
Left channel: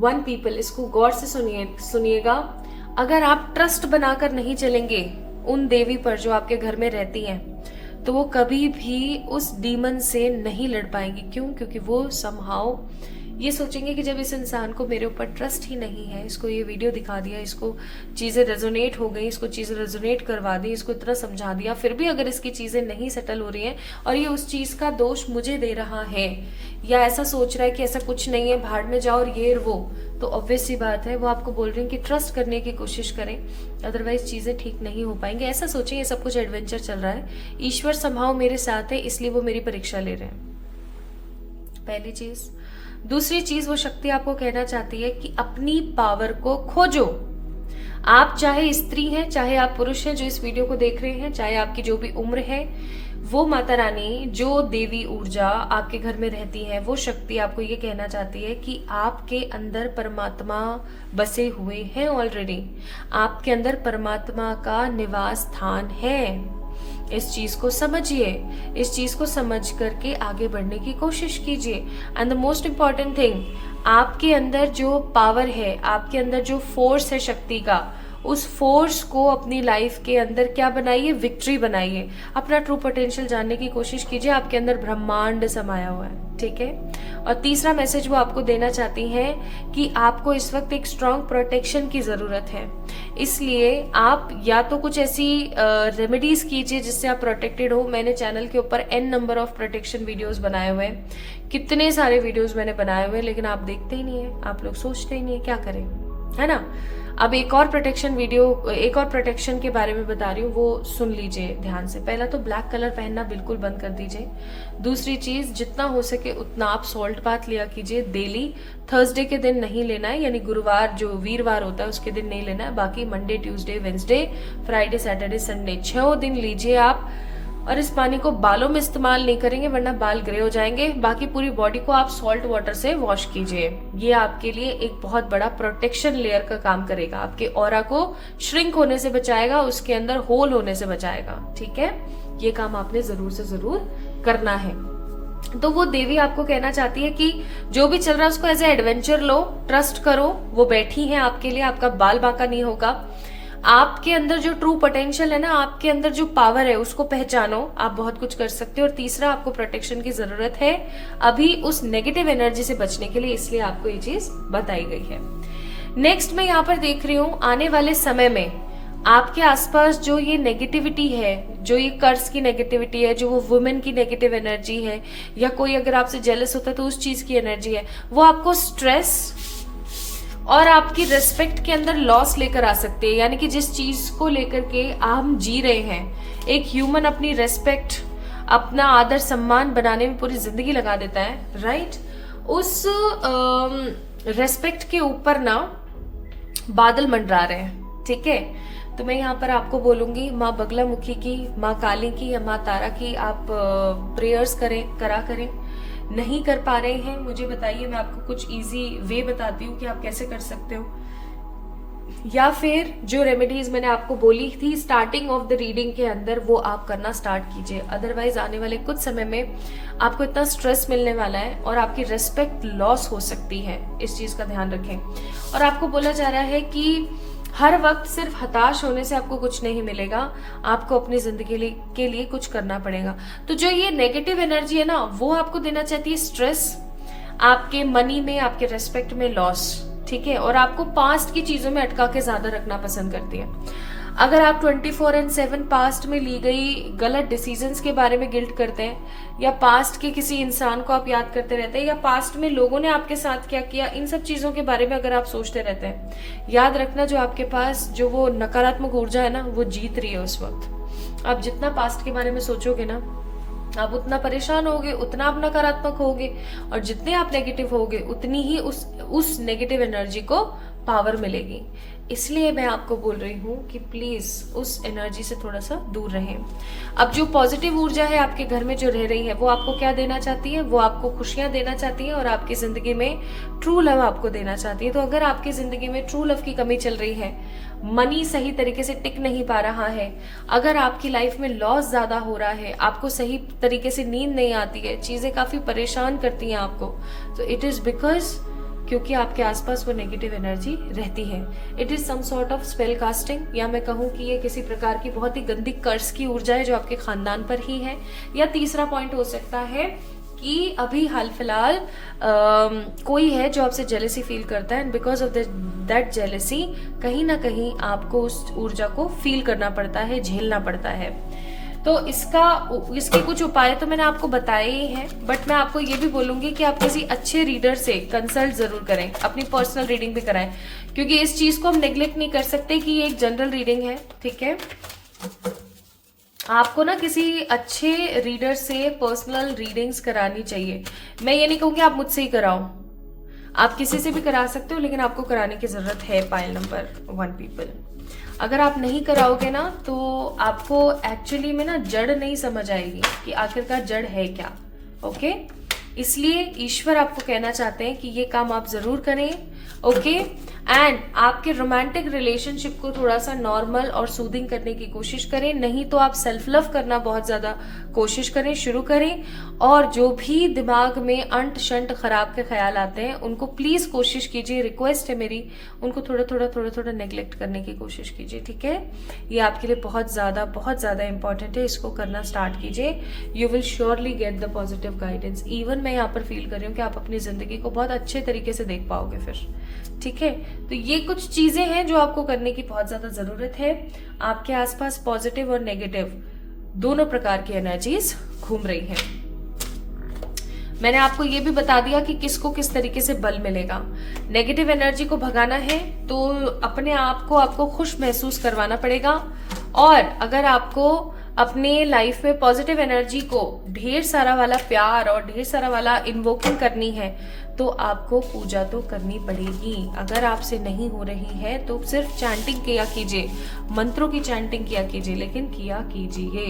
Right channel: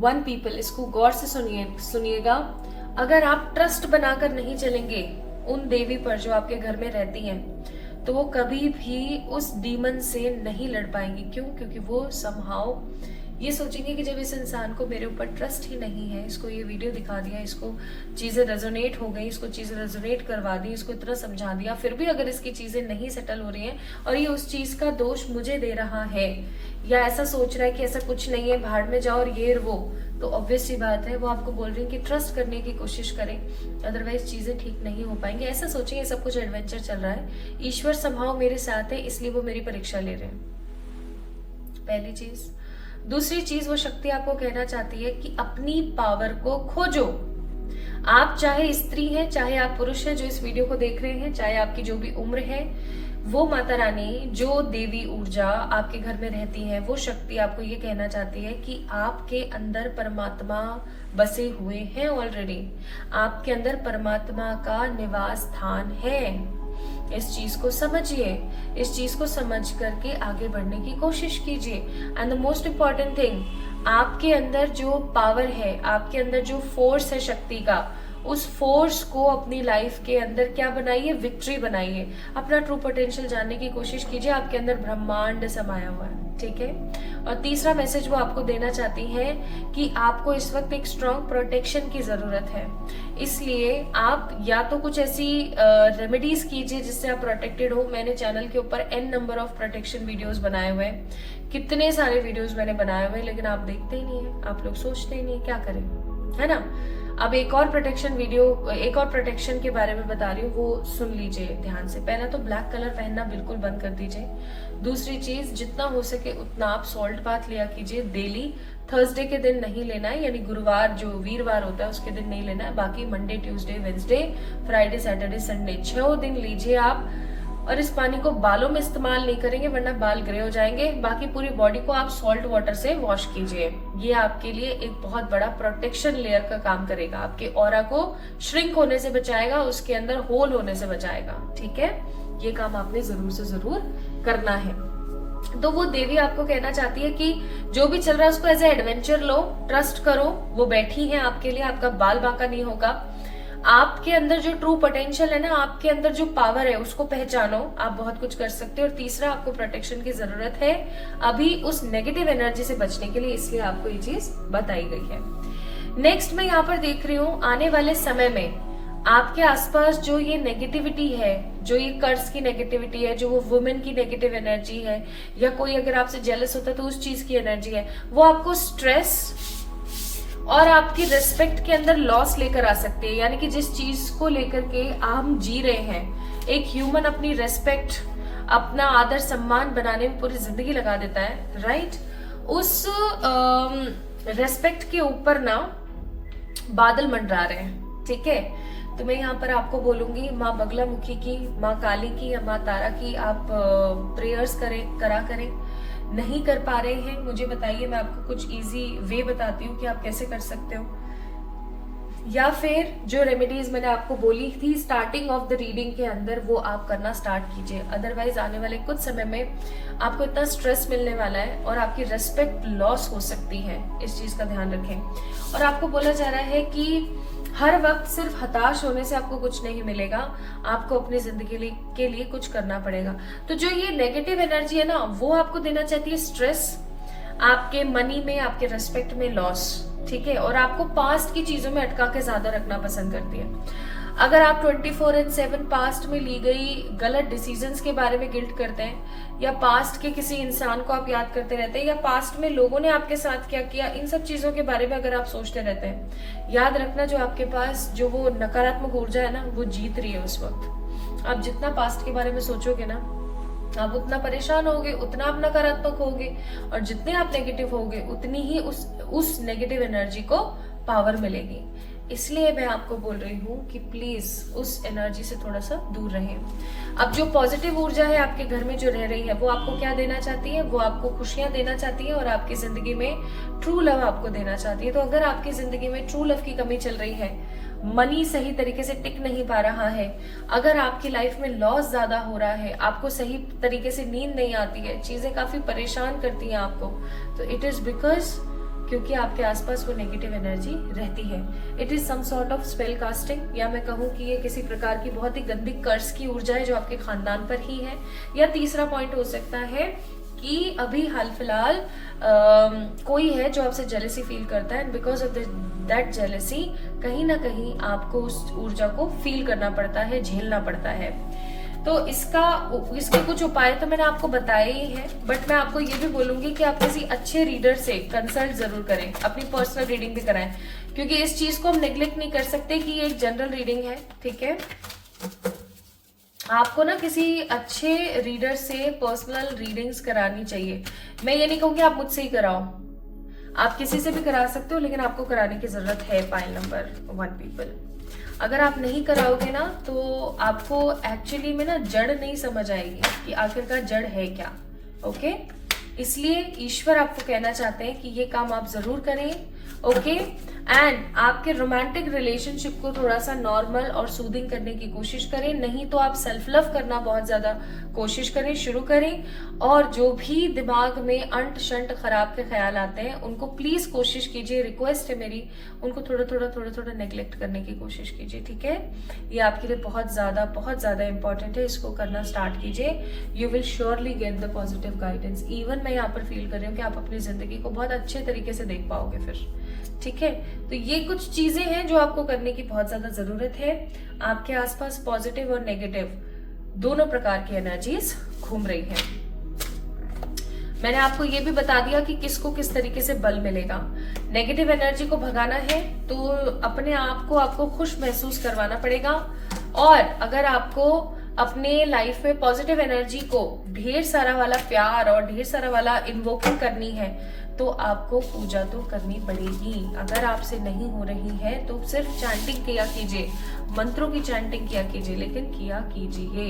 1 पीपल, इसको गौर से सुनिएगा, अगर आप ट्रस्ट बनाकर नहीं चलेंगे उन देवी पर जो आपके घर में रहती हैं, तो वो कभी भी उस डीमन से नहीं लड़ पाएंगी। क्यों? क्योंकि वो समहाउ ये सोचेंगे कि जब इस इंसान को मेरे ऊपर ट्रस्ट ही नहीं है, इसको ये वीडियो दिखा दिया, इसको चीजें रेजोनेट हो गई, इसको चीजें रेजोनेट करवा दी, इसको इतना समझा दिया, फिर भी अगर इसकी चीजें नहीं सेटल हो रही हैं और ये उस चीज का दोष मुझे दे रहा है या ऐसा सोच रहा है कि ऐसा कुछ नहीं है, भाड़ में जाओ और ये वो, तो ऑब्वियस सी बात है वो आपको बोल रहे हैं कि ट्रस्ट करने की कोशिश करें, अदरवाइज चीजें ठीक नहीं हो पाएंगे। ऐसा सोचें ये सब कुछ एडवेंचर चल रहा है, ईश्वर समहाउ मेरे साथ है, इसलिए वो मेरी परीक्षा ले रहे हैं, पहली चीज। दूसरी चीज, वो शक्ति आपको कहना चाहती है कि अपनी पावर को खोजो। आप चाहे स्त्री हैं, चाहे आप पुरुष हैं जो इस वीडियो को देख रहे हैं, चाहे आपकी जो भी उम्र है, वो माता रानी जो देवी ऊर्जा आपके घर में रहती है, वो शक्ति आपको ये कहना चाहती है कि आपके अंदर परमात्मा बसे हुए हैं ऑलरेडी, आपके अंदर परमात्मा का निवास स्थान है। इस चीज को समझिए, इस चीज को समझ करके आगे बढ़ने की कोशिश कीजिए। And the most important thing, आपके अंदर जो पावर है, आपके अंदर जो फोर्स है शक्ति का, उस फोर्स को अपनी लाइफ के अंदर क्या बनाइए, विक्ट्री बनाइए। अपना ट्रू पोटेंशियल जानने की कोशिश कीजिए, आपके अंदर ब्रह्मांड समाया हुआ है, ठीक है। और तीसरा मैसेज वो आपको देना चाहती हैं कि आपको इस वक्त एक स्ट्रॉन्ग प्रोटेक्शन की जरूरत है, इसलिए आप या तो कुछ ऐसी रेमेडीज कीजिए जिससे आप प्रोटेक्टेड हो। मैंने चैनल के ऊपर n number of protection videos बनाए हुए हैं, कितने सारे वीडियोस मैंने बनाए हुए हैं, लेकिन आप देखते ही नहीं है, आप लोग सोचते ही नहीं है, क्या करें, है ना। अब एक और प्रोटेक्शन वीडियो, एक और प्रोटेक्शन के बारे में बता रही हूँ, वो सुन लीजिए ध्यान से। पहला तो ब्लैक कलर पहनना बिल्कुल बंद कर दीजिए। दूसरी चीज, जितना हो सके उतना आप सॉल्ट बाथ लिया कीजिए डेली। थर्सडे के दिन नहीं लेना है, यानी गुरुवार जो वीरवार होता है उसके दिन नहीं लेना है, बाकी Monday, Tuesday, Wednesday, Friday, Saturday, Sunday 6 दिन लीजिए आप। और इस पानी को बालों में इस्तेमाल नहीं करेंगे वरना बाल ग्रे हो जाएंगे। बाकी पूरी बॉडी को आप सॉल्ट वाटर से वॉश कीजिए, ये आपके लिए एक बहुत बड़ा प्रोटेक्शन लेयर का काम करेगा, आपके ऑरा को श्रिंक होने से बचाएगा, उसके अंदर होल होने से बचाएगा, ठीक है। ये काम आपने जरूर से जरूर करना है। तो वो देवी आपको कहना चाहती है कि जो भी चल रहा है उसको एज ए एडवेंचर लो, ट्रस्ट करो, वो बैठी है आपके लिए, आपका बाल बांका नहीं होगा। आपके अंदर जो ट्रू पोटेंशियल है ना, आपके अंदर जो पावर है उसको पहचानो, आप बहुत कुछ कर सकते हो। और तीसरा, आपको प्रोटेक्शन की जरूरत है अभी उस नेगेटिव एनर्जी से बचने के लिए, इसलिए आपको ये चीज बताई गई है। नेक्स्ट मैं यहाँ पर देख रही हूँ, आने वाले समय में आपके आसपास जो ये नेगेटिविटी है, जो ये कर्ज की नेगेटिविटी है, जो वो वुमेन की नेगेटिव एनर्जी है, या कोई अगर आपसे जेलस होता है तो उस चीज की एनर्जी है, वो आपको स्ट्रेस और आपकी रेस्पेक्ट के अंदर लॉस लेकर आ सकते हैं। यानी कि जिस चीज को लेकर के हम जी रहे हैं, एक ह्यूमन अपनी रेस्पेक्ट, अपना आदर सम्मान बनाने में पूरी जिंदगी लगा देता है, राइट। उस रेस्पेक्ट के ऊपर ना बादल मंडरा रहे हैं, ठीक है। तो मैं यहाँ पर आपको बोलूंगी, माँ बगलामुखी की, माँ काली की या माँ तारा की आप प्रेयर्स करें। नहीं कर पा रहे हैं, मुझे बताइए, मैं आपको कुछ इजी वे बताती हूँ कि आप कैसे कर सकते हो। या फिर जो रेमेडीज मैंने आपको बोली थी स्टार्टिंग ऑफ द रीडिंग के अंदर, वो आप करना स्टार्ट कीजिए। अदरवाइज आने वाले कुछ समय में आपको इतना स्ट्रेस मिलने वाला है और आपकी रिस्पेक्ट लॉस हो सकती है, इस चीज का ध्यान रखें। और आपको बोला जा रहा है कि हर वक्त सिर्फ हताश होने से आपको कुछ नहीं मिलेगा, आपको अपनी जिंदगी के लिए कुछ करना पड़ेगा। तो जो ये नेगेटिव एनर्जी है ना, वो आपको देना चाहती है स्ट्रेस, आपके मनी में, आपके रेस्पेक्ट में लॉस, ठीक है। और आपको पास्ट की चीजों में अटका के ज्यादा रखना पसंद करती है। अगर आप 24/7 पास्ट में ली गई गलत डिसीजंस के बारे में गिल्ट करते हैं, या पास्ट के किसी इंसान को आप याद करते रहते हैं, या पास्ट में लोगों ने आपके साथ क्या किया, इन सब चीजों के बारे में अगर आप सोचते रहते हैं, याद रखना जो आपके पास जो वो नकारात्मक ऊर्जा है ना, वो जीत रही है उस वक्त। आप जितना पास्ट के बारे में सोचोगे ना, आप उतना परेशान होगे, उतना आप नकारात्मक होगे, और जितने आप नेगेटिव होगे उतनी ही उस नेगेटिव एनर्जी को पावर मिलेगी। इसलिए मैं आपको बोल रही हूँ कि प्लीज उस एनर्जी से थोड़ा सा दूर रहें। अब जो पॉजिटिव ऊर्जा है आपके घर में जो रह रही है, वो आपको क्या देना चाहती है? वो आपको खुशियां देना चाहती है और आपकी जिंदगी में ट्रू लव आपको देना चाहती है। तो अगर आपकी जिंदगी में ट्रू लव की कमी चल रही है, मनी सही तरीके से टिक नहीं पा रहा है, अगर आपकी लाइफ में लॉस ज्यादा हो रहा है, आपको सही तरीके से नींद नहीं आती है, चीजें काफी परेशान करती हैं आपको, तो इट इज बिकॉज क्योंकि आपके आसपास वो नेगेटिव एनर्जी रहती है। It is some sort of spell casting, या मैं कहूँ कि ये किसी प्रकार की बहुत ही गंदी कर्ज की ऊर्जा है जो आपके खानदान पर ही है। या तीसरा पॉइंट हो सकता है कि अभी हाल फिलहाल कोई है जो आपसे जेलेसी फील करता है, and because of that jealousy कहीं ना कहीं आपको उस ऊर्जा को फील करना पड़ता है, झेलना पड़ता है। तो इसके कुछ उपाय तो मैंने आपको बताए ही हैं, बट मैं आपको ये भी बोलूंगी कि आप किसी अच्छे रीडर से कंसल्ट जरूर करें, अपनी पर्सनल रीडिंग भी कराएं, क्योंकि इस चीज को हम नेग्लेक्ट नहीं कर सकते कि ये एक जनरल रीडिंग है, ठीक है। आपको ना किसी अच्छे रीडर से पर्सनल रीडिंग्स करानी चाहिए। मैं ये नहीं कहूंगी आप मुझसे ही कराओ, आप किसी से भी करा सकते हो, लेकिन आपको कराने की जरूरत है पाइल नंबर 1 पीपल। अगर आप नहीं कराओगे ना तो आपको एक्चुअली में ना जड़ नहीं समझ आएगी कि आखिरकार जड़ है क्या, ओके। इसलिए ईश्वर आपको कहना चाहते हैं कि ये काम आप जरूर करें, ओके। एंड आपके रोमांटिक रिलेशनशिप को थोड़ा सा नॉर्मल और सूदिंग करने की कोशिश करें, नहीं तो आप सेल्फ लव करना बहुत ज्यादा कोशिश करें, शुरू करें। और जो भी दिमाग में अंट शंट खराब के ख्याल आते हैं उनको प्लीज कोशिश कीजिए, रिक्वेस्ट है मेरी, उनको थोड़ा थोड़ा नेग्लेक्ट करने की कोशिश कीजिए, ठीक है। ये आपके लिए बहुत ज्यादा इंपॉर्टेंट है, इसको करना स्टार्ट कीजिए। You will surely get the positive guidance. Even मैं यहाँ पर फील कर रही हूँ कि आप अपनी जिंदगी को बहुत अच्छे तरीके से देख पाओगे फिर, ठीक है। तो ये कुछ चीजें हैं जो आपको करने की बहुत ज्यादा जरूरत है। आपके आसपास पॉजिटिव और नेगेटिव दोनों प्रकार की एनर्जीज घूम रही हैं। मैंने आपको ये भी बता दिया कि किसको किस तरीके से बल मिलेगा। नेगेटिव एनर्जी को भगाना है तो अपने आप को आपको खुश महसूस करवाना पड़ेगा, और अगर आपको अपने लाइफ में पॉजिटिव एनर्जी को ढेर सारा वाला प्यार और ढेर सारा वाला इन्वोकिंग करनी है तो आपको पूजा तो करनी पड़ेगी। अगर आपसे नहीं हो रही है तो सिर्फ चैंटिंग किया कीजिए, मंत्रों की चैंटिंग किया कीजिए, लेकिन किया कीजिए।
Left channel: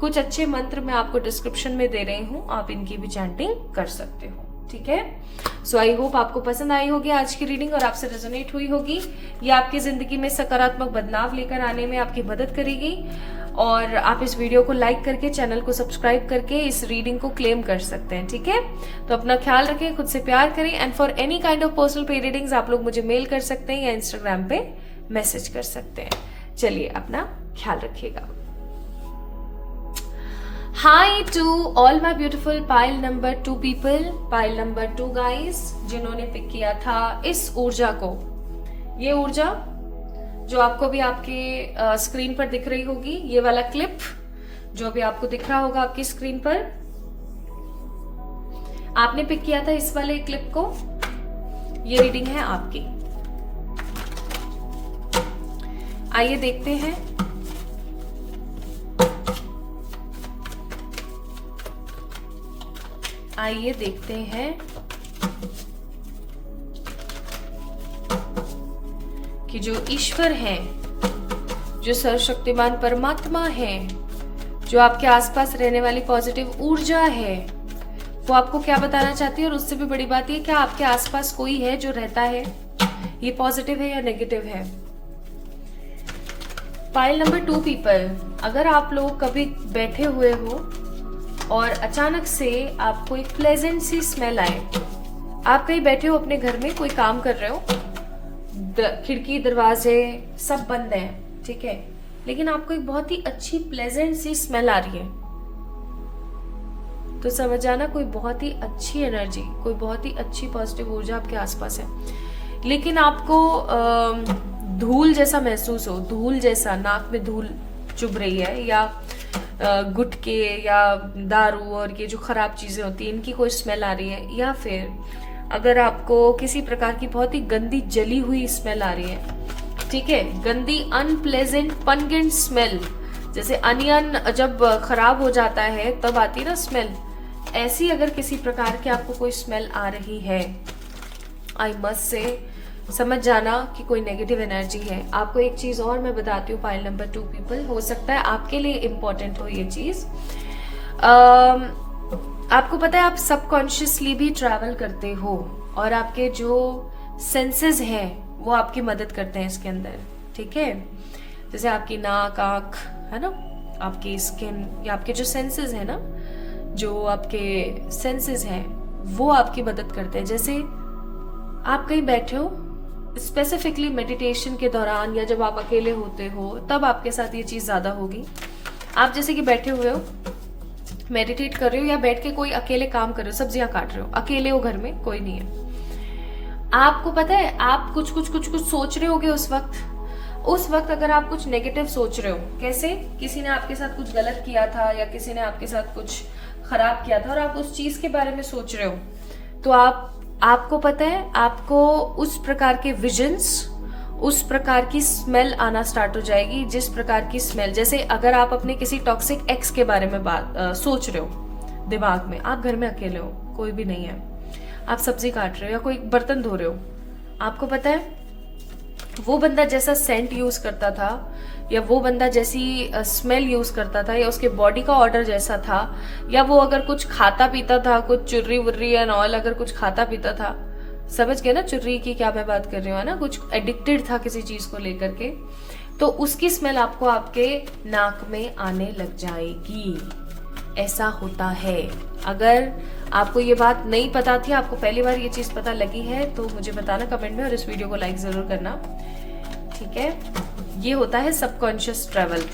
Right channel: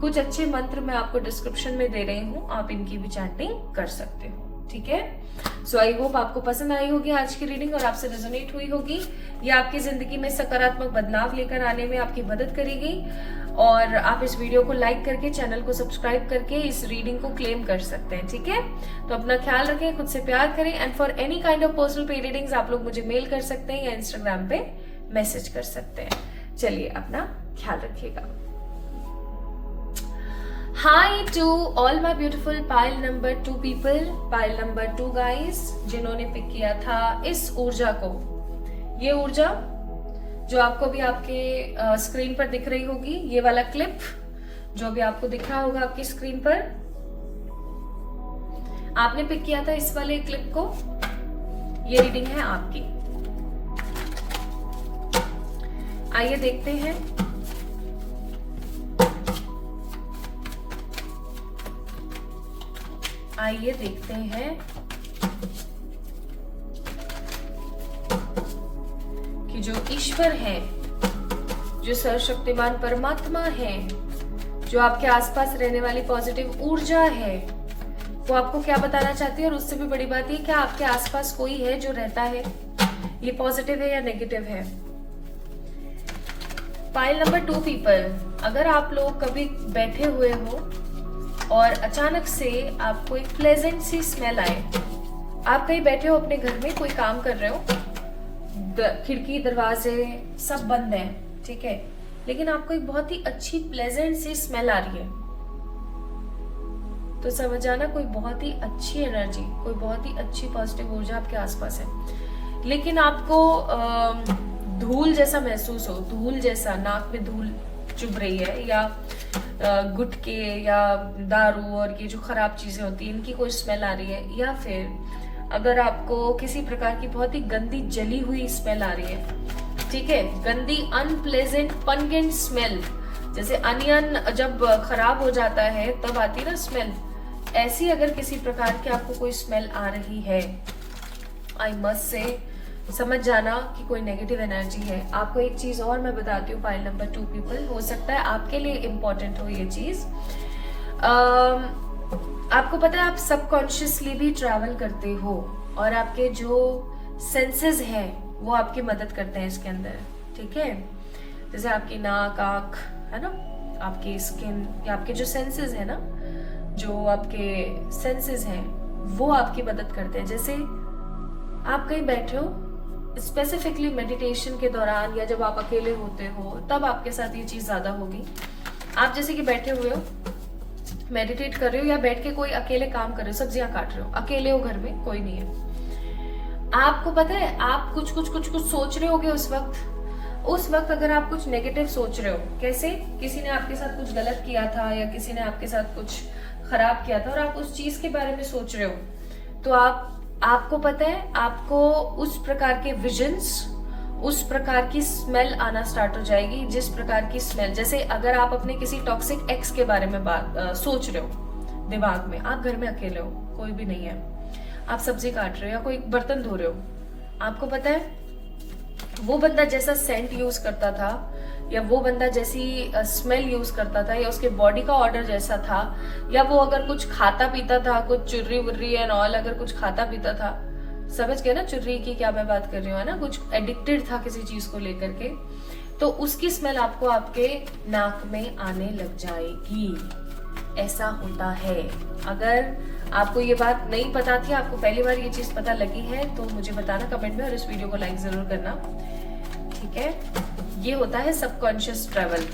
कुछ अच्छे मंत्र मैं आपको डिस्क्रिप्शन में दे रही हूँ, आप इनकी भी चैंटिंग कर सकते हो, ठीक है। सो आई होप आपको पसंद आई होगी आज की रीडिंग और आपसे रेजोनेट हुई होगी। ये आपकी जिंदगी में सकारात्मक बदलाव लेकर आने में आपकी मदद करेगी, और आप इस वीडियो को लाइक करके, चैनल को सब्सक्राइब करके इस रीडिंग को क्लेम कर सकते हैं, ठीक है। तो अपना ख्याल रखें, खुद से प्यार करें, and for any kind of personal पे रीडिंग्स आप लोग मुझे मेल कर सकते हैं या इंस्टाग्राम पे मैसेज कर सकते हैं। चलिए अपना ख्याल रखिएगा। Hi to all my beautiful pile number 2 people, pile number 2 guys जिन्होंने पिक किया था इस ऊर्जा को। ये ऊर्जा जो आपको भी आपके स्क्रीन पर दिख रही होगी, ये वाला क्लिप जो भी आपको दिख रहा होगा आपकी स्क्रीन पर, आपने पिक किया था इस वाले क्लिप को। ये रीडिंग है आपकी। आइए देखते हैं कि जो ईश्वर है, जो सर्वशक्तिमान परमात्मा है, जो आपके आसपास रहने वाली पॉजिटिव ऊर्जा है, वो आपको क्या बताना चाहती है। और उससे भी बड़ी बात ये, क्या आपके आसपास कोई है जो रहता है, ये पॉजिटिव है या नेगेटिव है। पाइल नंबर 2 पीपल, अगर आप लोग कभी बैठे हुए हो और अचानक से आपको एक प्लेजेंट सी स्मेल आए, आप कहीं बैठे हो अपने घर में, कोई काम कर रहे हो, खिड़की दरवाजे सब बंद है, ठीक है, लेकिन आपको एक बहुत ही अच्छी प्लेजेंट सी स्मेल आ रही है, तो समझ जाना कोई बहुत ही अच्छी एनर्जी, कोई बहुत ही अच्छी पॉजिटिव ऊर्जा आपके आसपास है। लेकिन आपको धूल जैसा महसूस हो, धूल जैसा, नाक में धूल चुभ रही है, या गुटके या दारू और ये जो खराब चीजें होती है इनकी कोई स्मेल आ रही है, या फिर अगर आपको किसी प्रकार की बहुत ही गंदी जली हुई स्मेल आ रही है, ठीक है, गंदी अनप्लेजेंट पंगेंट स्मेल, जैसे अनियन जब खराब हो जाता है तब आती है ना स्मेल, ऐसी अगर किसी प्रकार की आपको कोई स्मेल आ रही है, आई मस्ट से समझ जाना कि कोई नेगेटिव एनर्जी है। आपको एक चीज और मैं बताती हूँ, पाइल नंबर 2 पीपल, हो सकता है आपके लिए इम्पोर्टेंट हो ये चीज। आपको पता है आप सबकॉन्शियसली भी ट्रैवल करते हो, और आपके जो सेंसेस हैं वो आपकी मदद करते हैं इसके अंदर, ठीक है। जैसे आपकी नाक, आंख, है ना, आपकी स्किन, या आपके जो सेंसेस है ना, जो आपके सेंसेस हैं वो आपकी मदद करते हैं। जैसे आप कहीं बैठे हो, स्पेसिफिकली मेडिटेशन के दौरान या जब आप अकेले होते हो तब आपके साथ ये चीज ज्यादा होगी। आप जैसे कि बैठे हुए हो, मेडिटेट कर रहे हो, या बैठ के कोई अकेले काम कर रहे हो, सब्जियां काट रहे हो, अकेले हो, घर में कोई नहीं है, आपको पता है आप कुछ सोच रहे होगे उस वक्त अगर आप कुछ नेगेटिव सोच रहे हो, कैसे, किसी ने आपके साथ कुछ गलत किया था या किसी ने आपके साथ कुछ खराब किया था और आप उस चीज के बारे में सोच रहे हो, तो आपको पता है आपको उस प्रकार के विजन्स, उस प्रकार की स्मेल आना स्टार्ट हो जाएगी। जिस प्रकार की स्मेल, जैसे अगर आप अपने किसी टॉक्सिक एक्स के बारे में सोच रहे हो दिमाग में, आप घर में अकेले हो, कोई भी नहीं है, आप सब्जी काट रहे हो या कोई बर्तन धो रहे हो, आपको पता है वो बंदा जैसा सेंट यूज करता था, या वो बंदा जैसी स्मेल यूज करता था, या उसके बॉडी का ऑर्डर जैसा था, या वो अगर कुछ खाता पीता था, कुछ चुर्री वुर्री एंड ऑल अगर कुछ खाता पीता था, समझ गए ना चुर्री की क्या मैं बात कर रही हूँ, है ना, कुछ एडिक्टेड था किसी चीज को लेकर के, तो उसकी स्मेल आपको आपके नाक में आने लग जाएगी। ऐसा होता है। अगर आपको ये बात नहीं पता थी, आपको पहली बार ये चीज पता लगी है, तो मुझे बताना कमेंट में, और इस वीडियो को लाइक जरूर करना, ठीक है। ये होता है सबकॉन्शियस ट्रैवल,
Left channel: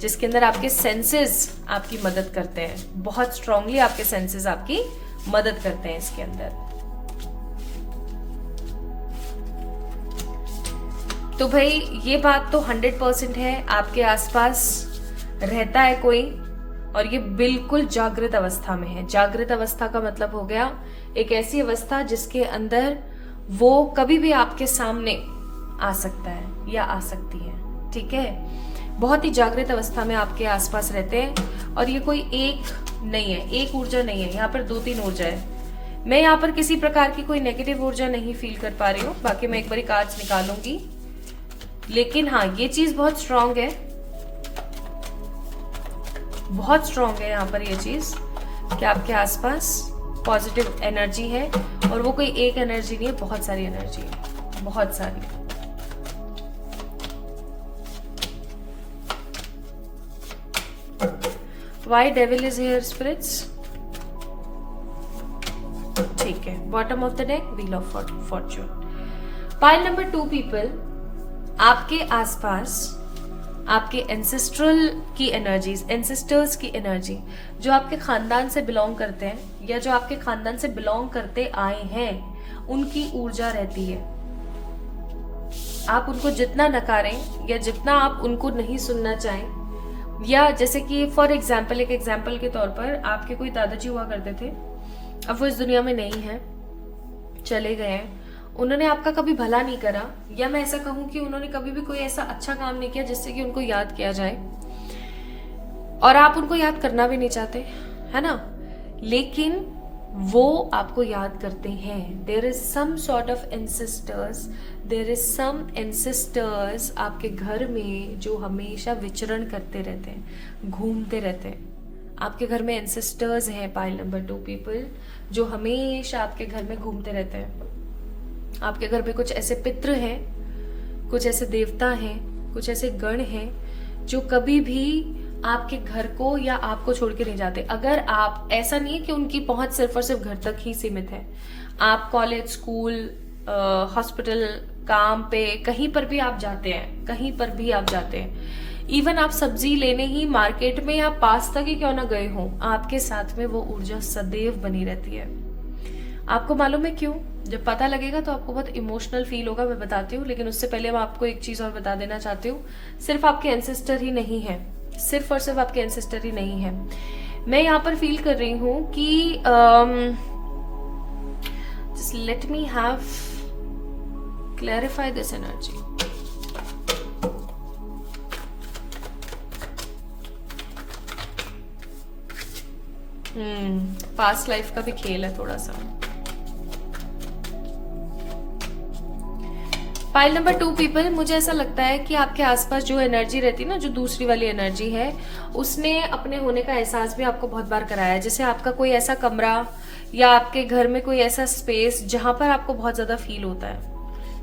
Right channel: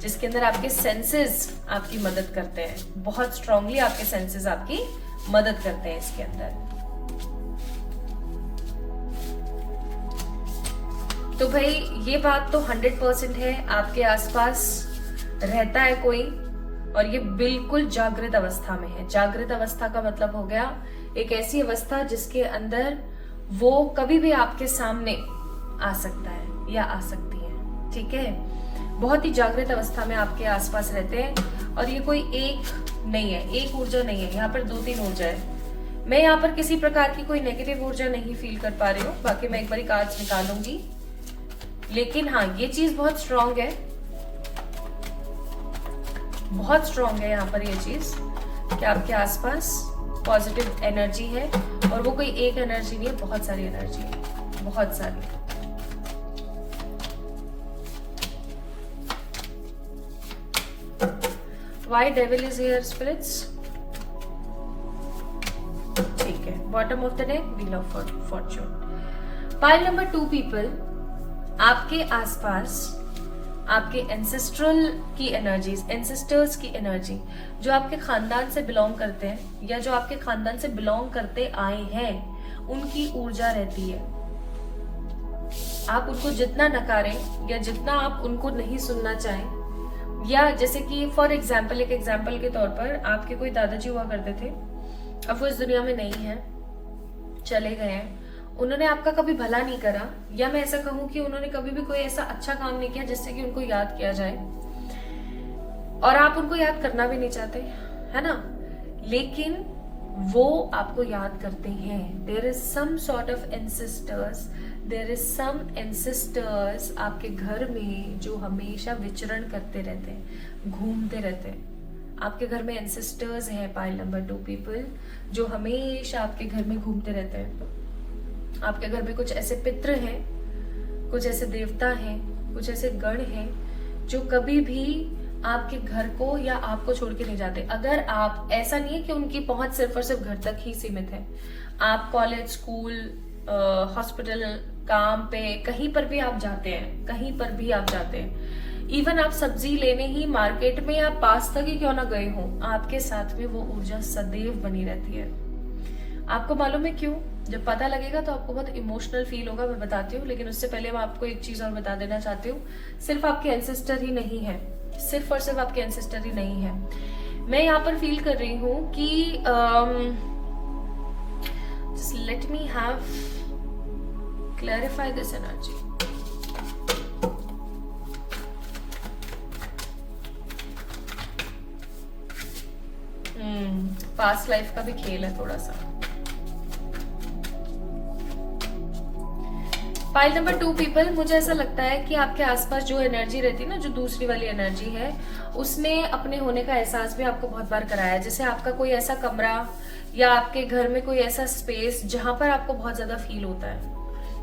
जिसके अंदर आपके सेंसेस आपकी मदद करते हैं, बहुत स्ट्रांगली आपके सेंसेस आपकी मदद करते हैं इसके अंदर। तो भाई ये बात तो 100% है, आपके आसपास रहता है कोई, और ये बिल्कुल जागृत अवस्था में है। जागृत अवस्था का मतलब हो गया एक ऐसी अवस्था जिसके अंदर वो कभी भी आपके सामने आ सकता है या आ सकती है, ठीक है। बहुत ही जागृत अवस्था में आपके आसपास रहते हैं, और ये कोई एक नहीं है, एक ऊर्जा नहीं है, यहाँ पर 2-3 ऊर्जा है। मैं यहाँ पर किसी प्रकार की कोई नेगेटिव ऊर्जा नहीं फील कर पा रही हूँ, बाकी मैं एक बारी कार्ड्स निकालूंगी, लेकिन हाँ ये चीज बहुत स्ट्रांग है, बहुत स्ट्रांग है यहाँ पर ये चीज कि आपके आसपास पॉजिटिव एनर्जी है, और वो कोई एक एनर्जी नहीं है, बहुत सारी एनर्जी है, बहुत सारी। Why devil is here spirits? ठीक है, bottom of the deck, wheel of Fortune. Pile number 2 people, आपके आसपास आपके एंसेस्ट्रल की एनर्जीज, एंसेस्टर्स की एनर्जी, जो आपके खानदान से बिलोंग करते हैं या जो आपके खानदान से बिलोंग करते आए हैं, उनकी ऊर्जा रहती है। आप उनको जितना नकारें या जितना आप उनको नहीं सुनना चाहें, या जैसे कि फॉर एग्जाम्पल, एक एग्जाम्पल के तौर पर आपके कोई दादाजी हुआ करते थे, अब वो इस दुनिया में नहीं है, चले गए हैं, उन्होंने आपका कभी भला नहीं करा, या मैं ऐसा कहूं कि उन्होंने कभी भी कोई ऐसा अच्छा काम नहीं किया जिससे कि उनको याद किया जाए, और आप उनको याद करना भी नहीं चाहते, है ना, लेकिन वो आपको याद करते हैं। There is some sort of ancestors, there is some ancestors आपके घर में जो हमेशा विचरण करते रहते हैं, घूमते रहते हैं। आपके घर में एंसेस्टर्स हैं, पाइल नंबर 2 पीपल, जो हमेशा आपके घर में घूमते रहते हैं। आपके घर में कुछ ऐसे पितृ हैं, कुछ ऐसे देवता हैं, कुछ ऐसे गण हैं जो कभी भी आपके घर को या आपको छोड़ के नहीं जाते। अगर आप, ऐसा नहीं है कि उनकी पहुंच सिर्फ और सिर्फ घर तक ही सीमित है, आप कॉलेज, स्कूल, हॉस्पिटल, काम पे, कहीं पर भी आप जाते हैं, कहीं पर भी आप जाते हैं, इवन आप सब्जी लेने ही मार्केट में या पास तक ही क्यों ना गए हो, आपके साथ में वो ऊर्जा सदैव बनी रहती है। आपको मालूम है क्यों? जब पता लगेगा तो आपको बहुत इमोशनल फील होगा, मैं बताती हूँ, लेकिन उससे पहले मैं आपको एक चीज और बता देना चाहती हूँ। सिर्फ आपके एंसेस्टर ही नहीं है, सिर्फ और सिर्फ आपके एंसेस्टर ही नहीं है। मैं यहाँ पर फील कर रही हूँ कि just let me have clarify this energy. Past life का भी खेल है थोड़ा सा। पाइल नंबर 2 पीपल, मुझे ऐसा लगता है कि आपके आसपास जो एनर्जी रहती है ना, जो दूसरी वाली एनर्जी है, उसने अपने होने का एहसास भी आपको बहुत बार कराया है। जैसे आपका कोई ऐसा कमरा या आपके घर में कोई ऐसा स्पेस जहां पर आपको बहुत ज्यादा फील होता है,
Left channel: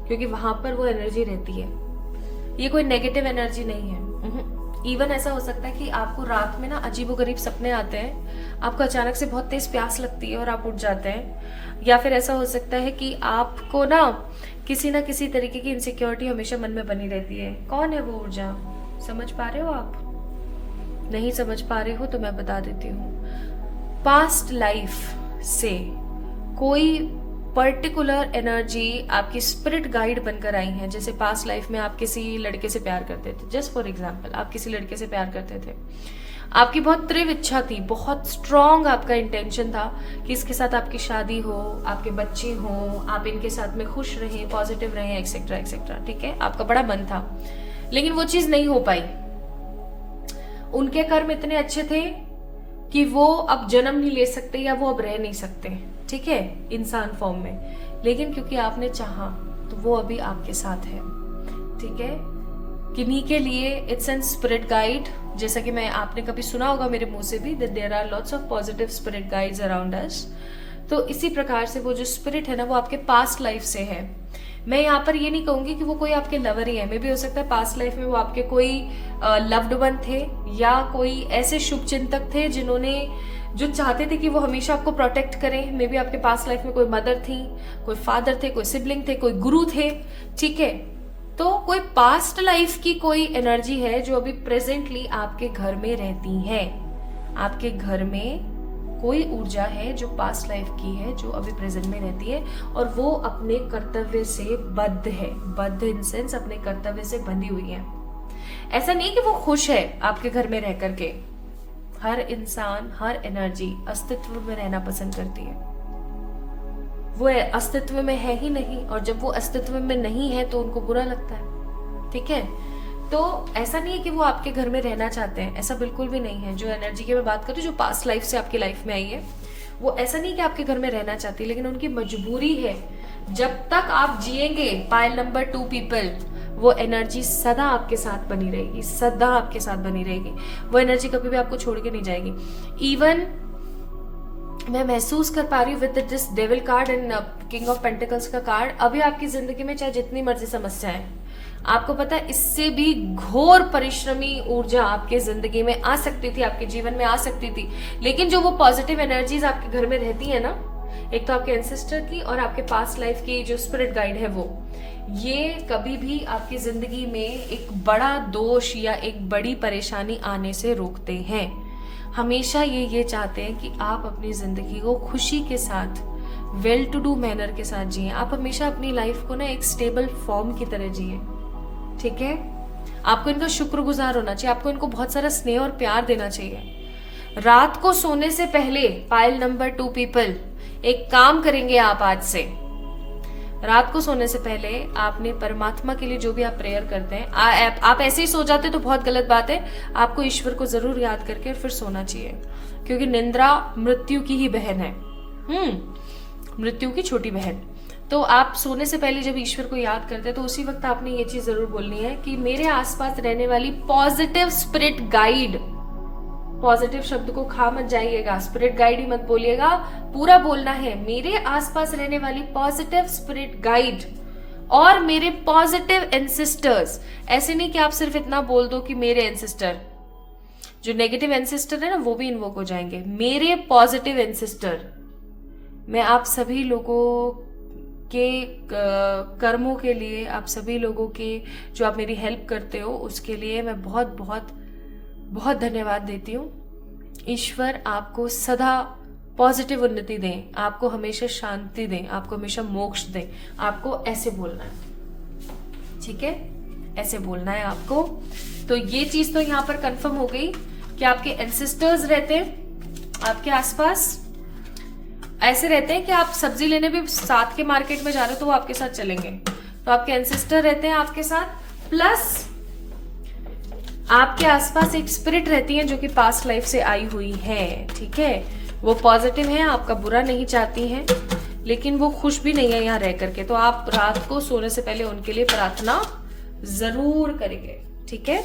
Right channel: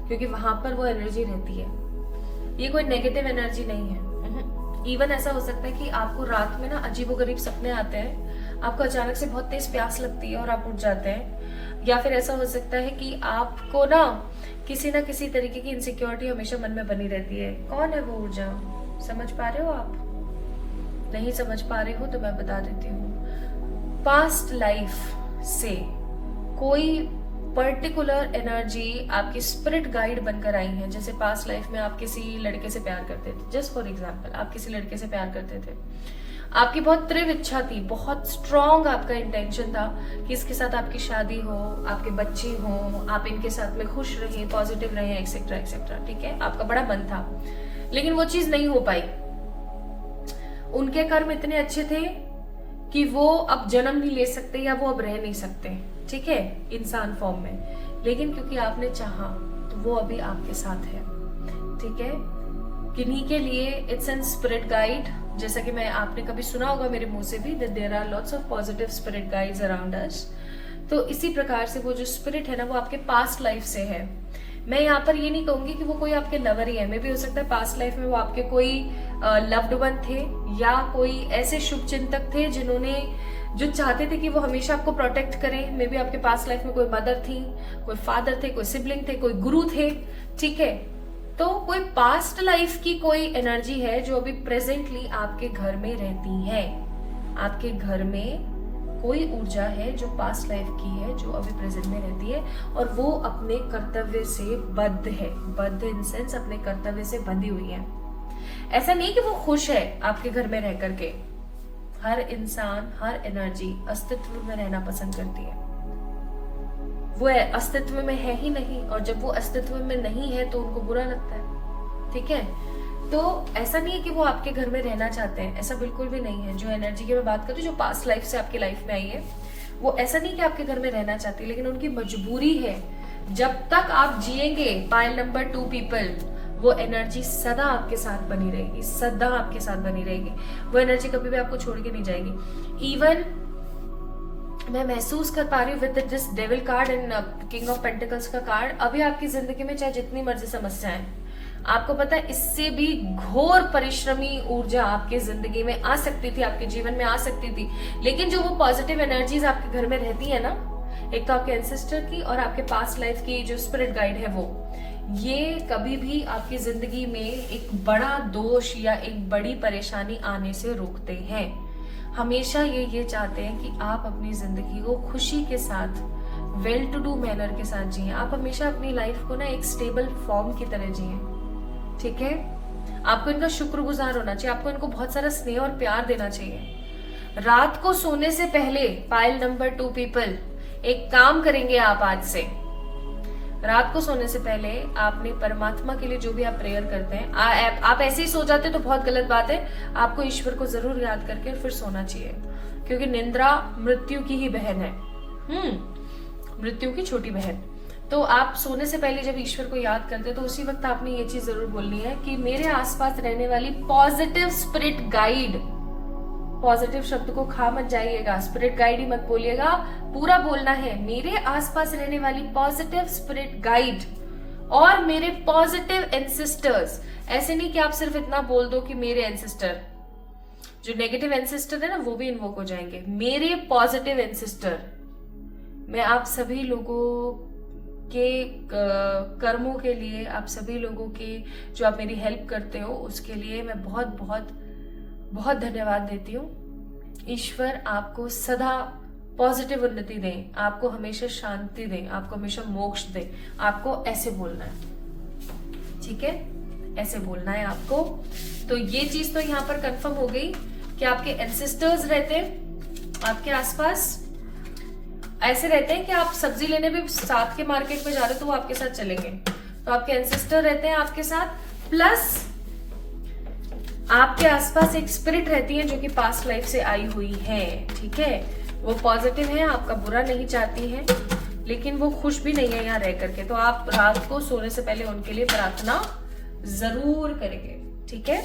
क्योंकि वहां पर वो एनर्जी रहती है। ये कोई नेगेटिव एनर्जी नहीं है। इवन ऐसा हो सकता है कि आपको रात में ना अजीबोगरीब सपने आते हैं, आपको अचानक से बहुत तेज प्यास लगती है और आप उठ जाते हैं। या फिर ऐसा हो सकता है कि आपको ना किसी तरीके की इनसिक्योरिटी हमेशा मन में बनी रहती है। कौन है वो ऊर्जा? समझ पा रहे हो आप? नहीं समझ पा रहे हो तो मैं बता देती हूँ। पास्ट लाइफ से कोई पर्टिकुलर एनर्जी आपकी स्पिरिट गाइड बनकर आई है। जैसे पास्ट लाइफ में आप किसी लड़के से प्यार करते थे, जस्ट फॉर एग्जाम्पल, आप किसी लड़के से प्यार करते थे, आपकी बहुत तीव्र इच्छा थी, बहुत स्ट्रॉन्ग आपका इंटेंशन था कि इसके साथ आपकी शादी हो, आपके बच्चे हो, आप इनके साथ में खुश रहें, पॉजिटिव रहें, एक्सेट्रा एक्सेट्रा। ठीक है, आपका बड़ा मन था, लेकिन वो चीज नहीं हो पाई। उनके कर्म इतने अच्छे थे कि वो अब जन्म नहीं ले सकते या वो अब रह नहीं सकते, ठीक है, इंसान फॉर्म में। लेकिन क्योंकि आपने चाहा तो वो अभी आपके साथ है। ठीक है, किन्हीं के लिए इट्स एन स्पिरिट गाइड। जैसा कि मैं आपने कभी सुना होगा मेरे मुंह से भी, that there are lots of positive spirit guides around us. तो इसी प्रकार से वो जो स्पिरिट है ना, वो आपके पास्ट लाइफ से है। मैं यहाँ पर ये नहीं कहूंगी कि वो कोई आपके लवर ही है। मे भी हो सकता है पास्ट लाइफ में वो आपके कोई लव्ड वन थे, या कोई ऐसे शुभ चिंतक थे जिन्होंने जो चाहते थे कि वो हमेशा आपको प्रोटेक्ट करें। मे बी आपके पास्ट लाइफ में कोई मदर थी, कोई फादर थे, कोई सिबलिंग थे, कोई गुरु थे। ठीक है, तो कोई पास्ट लाइफ की कोई एनर्जी है जो अभी प्रेजेंटली आपके घर में रहती है। आपके घर में कोई ऊर्जा है जो पास्ट लाइफ की है, जो अभी प्रेजेंट में रहती है, और वो अपने कर्तव्य से बद्ध है। बद्ध इन सेंस अपने कर्तव्य से बंधी हुई है। ऐसा नहीं कि वो खुश है आपके घर में रह करके। हर इंसान, हर एनर्जी अस्तित्व में रहना पसंद करती है। वो अस्तित्व में है ही नहीं, और जब वो अस्तित्व में नहीं है तो उनको बुरा लगता है। ठीक है, तो ऐसा नहीं है कि वो आपके घर में रहना चाहते हैं, ऐसा बिल्कुल भी नहीं है। जो एनर्जी की मैं बात कर रही हूँ, जो पास्ट लाइफ से आपकी लाइफ में आई है, वो ऐसा नहीं कि आपके घर में रहना चाहती है, लेकिन उनकी मजबूरी है। जब तक आप जिएंगे पाइल नंबर 2 पीपल, वो एनर्जी सदा आपके साथ बनी रहेगी, सदा आपके साथ बनी रहेगी। वो एनर्जी कभी भी आपको छोड़ के नहीं जाएगी। इवन मैं महसूस कर पा रही हूँ with this devil card and king of pentacles का कार्ड, अभी आपकी जिंदगी में चाहे जितनी मर्जी समस्याएं, आपको पता है इससे भी घोर परिश्रमी ऊर्जा आपके जिंदगी में आ सकती थी, आपके जीवन में आ सकती थी। लेकिन जो वो पॉजिटिव एनर्जीज आपके घर में रहती है ना, एक तो आपके एंसेस्टर की और आपके पास्ट लाइफ की जो स्पिरिट गाइड है, वो ये कभी भी आपकी जिंदगी में एक बड़ा दोष या एक बड़ी परेशानी आने से रोकते हैं। हमेशा ये चाहते हैं कि आप अपनी जिंदगी को खुशी के साथ, वेल टू डू मैनर के साथ जिए। आप हमेशा अपनी लाइफ को ना एक स्टेबल फॉर्म की तरह जिए। ठीक है, आपको इनका शुक्रगुजार होना चाहिए, आपको इनको बहुत सारा स्नेह और प्यार देना चाहिए। रात को सोने से पहले पाइल नंबर 2 पीपल एक काम करेंगे आप आज से। रात को सोने से पहले आपने परमात्मा के लिए जो भी आप प्रेयर करते हैं, आप ऐसे ही सो जाते तो बहुत गलत बात है। आपको ईश्वर को जरूर याद करके और फिर सोना चाहिए, क्योंकि निंद्रा मृत्यु की ही बहन है, मृत्यु की छोटी बहन। तो आप सोने से पहले जब ईश्वर को याद करते हैं, तो उसी वक्त आपने ये चीज जरूर बोलनी है कि मेरे आसपास रहने वाली पॉजिटिव स्पिरिट गाइड, पॉजिटिव शब्द को खा मत जाइएगा, स्पिरिट गाइड ही मत बोलिएगा, पूरा बोलना है। मेरे आसपास रहने वाली पॉजिटिव स्पिरिट गाइड और मेरे पॉजिटिव एंसेस्टर्स। ऐसे नहीं कि आप सिर्फ इतना बोल दो कि मेरे एंसेस्टर, जो नेगेटिव एंसेस्टर है ना, वो भी इन्वोक हो जाएंगे। मेरे पॉजिटिव एंसेस्टर, मैं आप सभी लोगों के कर्मों के लिए, आप सभी लोगों के जो आप मेरी हेल्प करते हो, उसके लिए मैं बहुत बहुत बहुत धन्यवाद देती हूँ। ईश्वर आपको सदा पॉजिटिव उन्नति दें, आपको हमेशा शांति दें, आपको हमेशा मोक्ष दें। आपको ऐसे बोलना है, ठीक है, ऐसे बोलना है आपको। तो ये चीज तो यहाँ पर कंफर्म हो गई कि आपके एंसेस्टर्स रहते हैं आपके आसपास। ऐसे रहते हैं कि आप सब्जी लेने भी साथ के मार्केट में जा रहे हो तो वो आपके साथ चलेंगे, तो आपके एंसेस्टर रहते हैं आपके साथ। प्लस आपके आसपास एक स्पिरिट रहती है जो कि पास्ट लाइफ से आई हुई है। ठीक है, वो पॉजिटिव है, आपका बुरा नहीं चाहती है। लेकिन वो खुश भी नहीं है यहाँ रह करके, तो आप रात को सोने से पहले उनके लिए प्रार्थना जरूर करेंगे, ठीक है।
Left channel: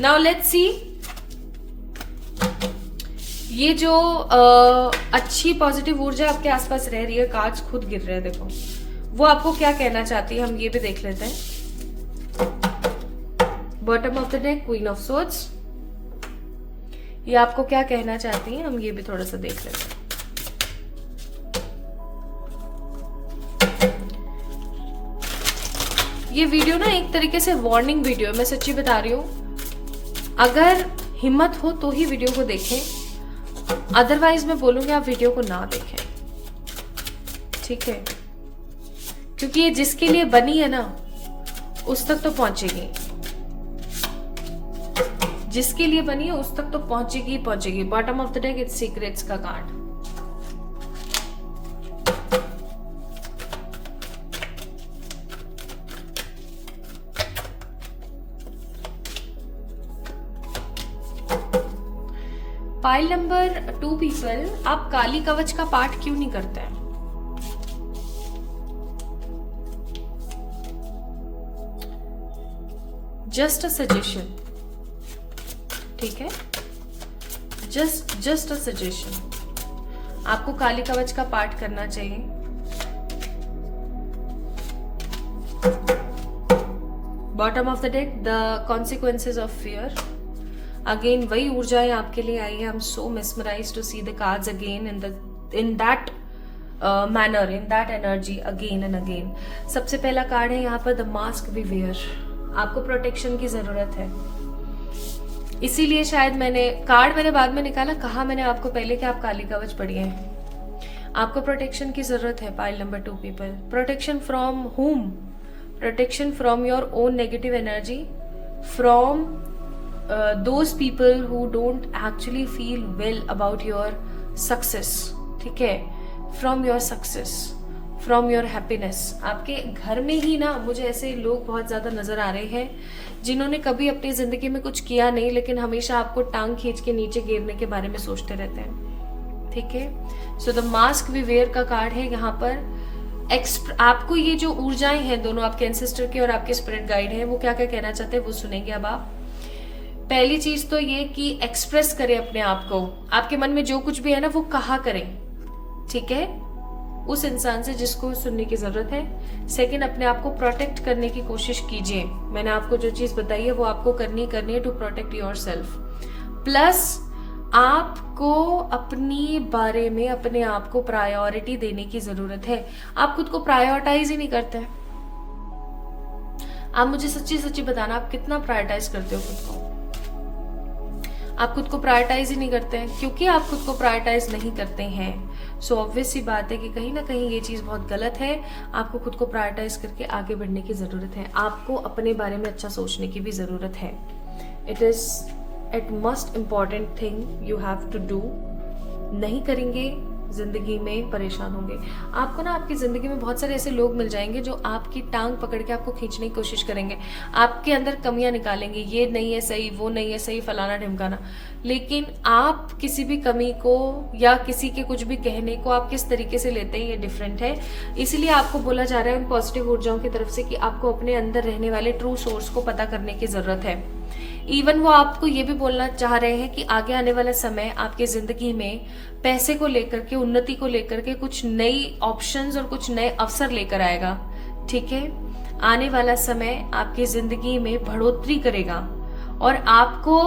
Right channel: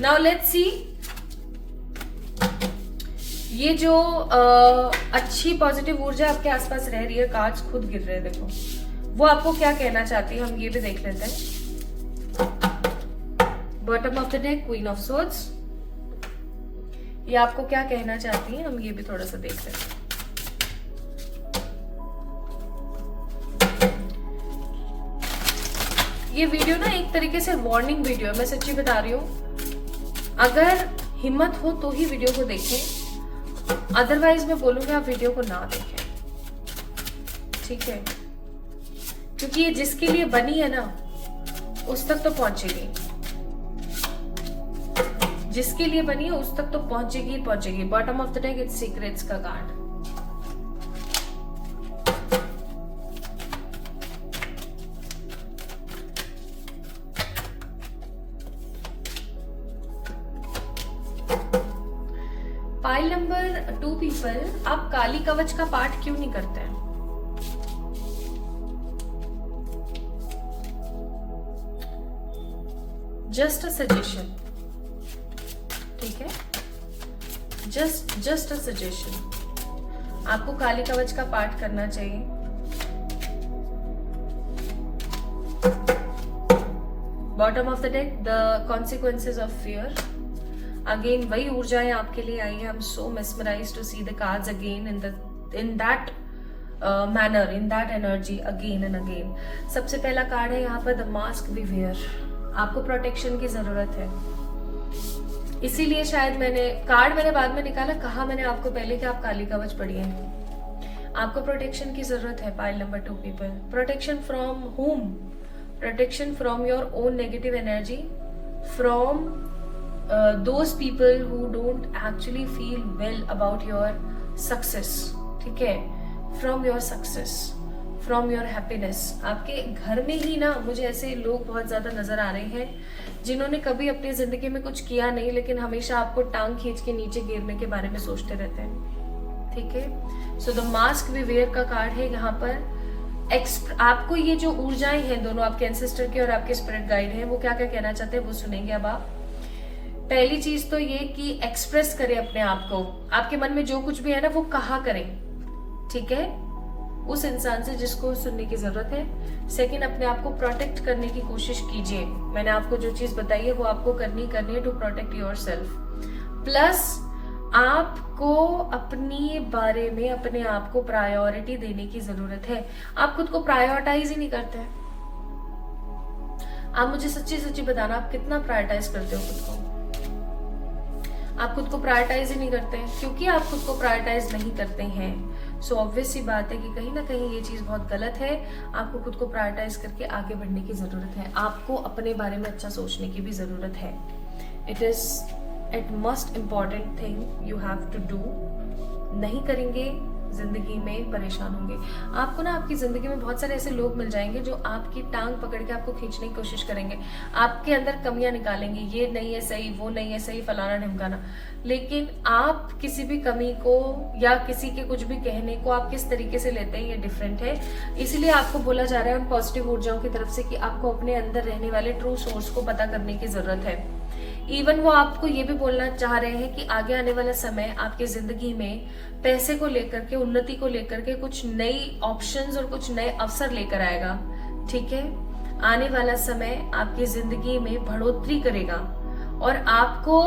नाउ लेट्स सी, ये जो अच्छी पॉजिटिव ऊर्जा आपके आसपास रह रही है, कार्ड्स खुद गिर रहे हैं, देखो वो आपको क्या कहना चाहती है, हम ये भी देख लेते हैं। Bottom of the deck, queen of swords, ये आपको क्या कहना चाहती है, हम ये भी थोड़ा सा देख लेते हैं। ये वीडियो ना एक तरीके से वार्निंग वीडियो है, मैं सच्ची बता रही हूं। अगर हिम्मत हो तो ही वीडियो को देखें, अदरवाइज मैं बोलूंगी आप वीडियो को ना देखें, ठीक है। क्योंकि ये जिसके लिए बनी है ना उस तक तो पहुंचेगी, जिसके लिए बनी है उस तक तो पहुंचेगी पहुंचेगी। Bottom of the deck, it's secrets का कार्ड। पाइल नंबर 2 पीपल, आप काली कवच का पाठ क्यों नहीं करते हैं? जस्ट अ सजेशन, ठीक है, जस्ट अ सजेशन। आपको काली कवच का पाठ करना चाहिए। Bottom of the deck, the consequences of fear. Again वही ऊर्जाएं आपके लिए आई है। I am so mesmerised to see the cards again in that manner, in that energy, again and again. सबसे पहला कार्ड है यहाँ पर द मास्क वी वेयर। आपको प्रोटेक्शन की जरूरत है, इसीलिए शायद मैंने बाद में निकाला, कहा मैंने आपको पहले कि आप काली कवच पढ़िए। आपको प्रोटेक्शन की जरूरत है pile number 2 people. Protection from whom? Protection from your own negative energy, from those people who don't actually feel well about your success, ठीक है, from your success, from your happiness। आपके घर में ही ना मुझे ऐसे लोग बहुत ज्यादा नजर आ रहे हैं जिन्होंने कभी अपनी जिंदगी में कुछ किया नहीं, लेकिन हमेशा आपको टांग खींच के नीचे गिरने के बारे में सोचते रहते हैं, ठीक है। So the mask we wear का कार्ड है यहाँ पर। आपको ये जो ऊर्जाएं हैं दोनों, आपके एंसेस्टर के और आपके स्पिरिट गाइड हैं, वो क्या क्या कहना चाहते हैं वो सुनेंगे अब आप। पहली चीज तो ये कि एक्सप्रेस करें अपने आप को, आपके मन में जो कुछ भी है ना वो कहा करें, ठीक है, उस इंसान से जिसको सुनने की जरूरत है। सेकंड, अपने आप को प्रोटेक्ट करने की कोशिश कीजिए। मैंने आपको जो चीज बताई है वो आपको करनी है टू प्रोटेक्ट योरसेल्फ। प्लस आपको अपनी बारे में अपने आप को प्रायोरिटी देने की जरूरत है। आप खुद को प्रायोरिटाइज ही नहीं करते। आप मुझे सच्ची सच्ची बताना, आप कितना प्रायोरिटाइज करते हो खुद को? आप खुद को प्रायोरिटाइज ही नहीं करते हैं। क्योंकि आप खुद को प्रायोरिटाइज नहीं करते हैं, सो ऑब्वियस सी बात है कि कहीं ना कहीं ये चीज बहुत गलत है। आपको खुद को प्रायोरिटाइज करके आगे बढ़ने की जरूरत है। आपको अपने बारे में अच्छा सोचने की भी जरूरत है। It must important thing you have to do. नहीं करेंगे जिंदगी में परेशान होंगे। आपको ना आपकी जिंदगी में बहुत सारे ऐसे लोग मिल जाएंगे जो आपकी टांग पकड़ के आपको खींचने की कोशिश करेंगे, आपके अंदर कमियां निकालेंगे, ये नहीं है सही, वो नहीं है सही, फलाना ढिमकाना। लेकिन आप किसी भी कमी को या किसी के कुछ भी कहने को आप किस तरीके से लेते हैं ये डिफरेंट है। इसीलिए आपको बोला जा रहा है उन पॉजिटिव ऊर्जाओं की तरफ से कि आपको अपने अंदर रहने वाले ट्रू सोर्स को पता करने की जरूरत है। इवन वो आपको ये भी बोलना चाह रहे हैं कि आगे आने वाला समय आपकी जिंदगी में पैसे को लेकर के, उन्नति को लेकर के कुछ नई ऑप्शंस और कुछ नए अवसर लेकर आएगा, ठीक है। आने वाला समय आपकी जिंदगी में बढ़ोतरी करेगा और आपको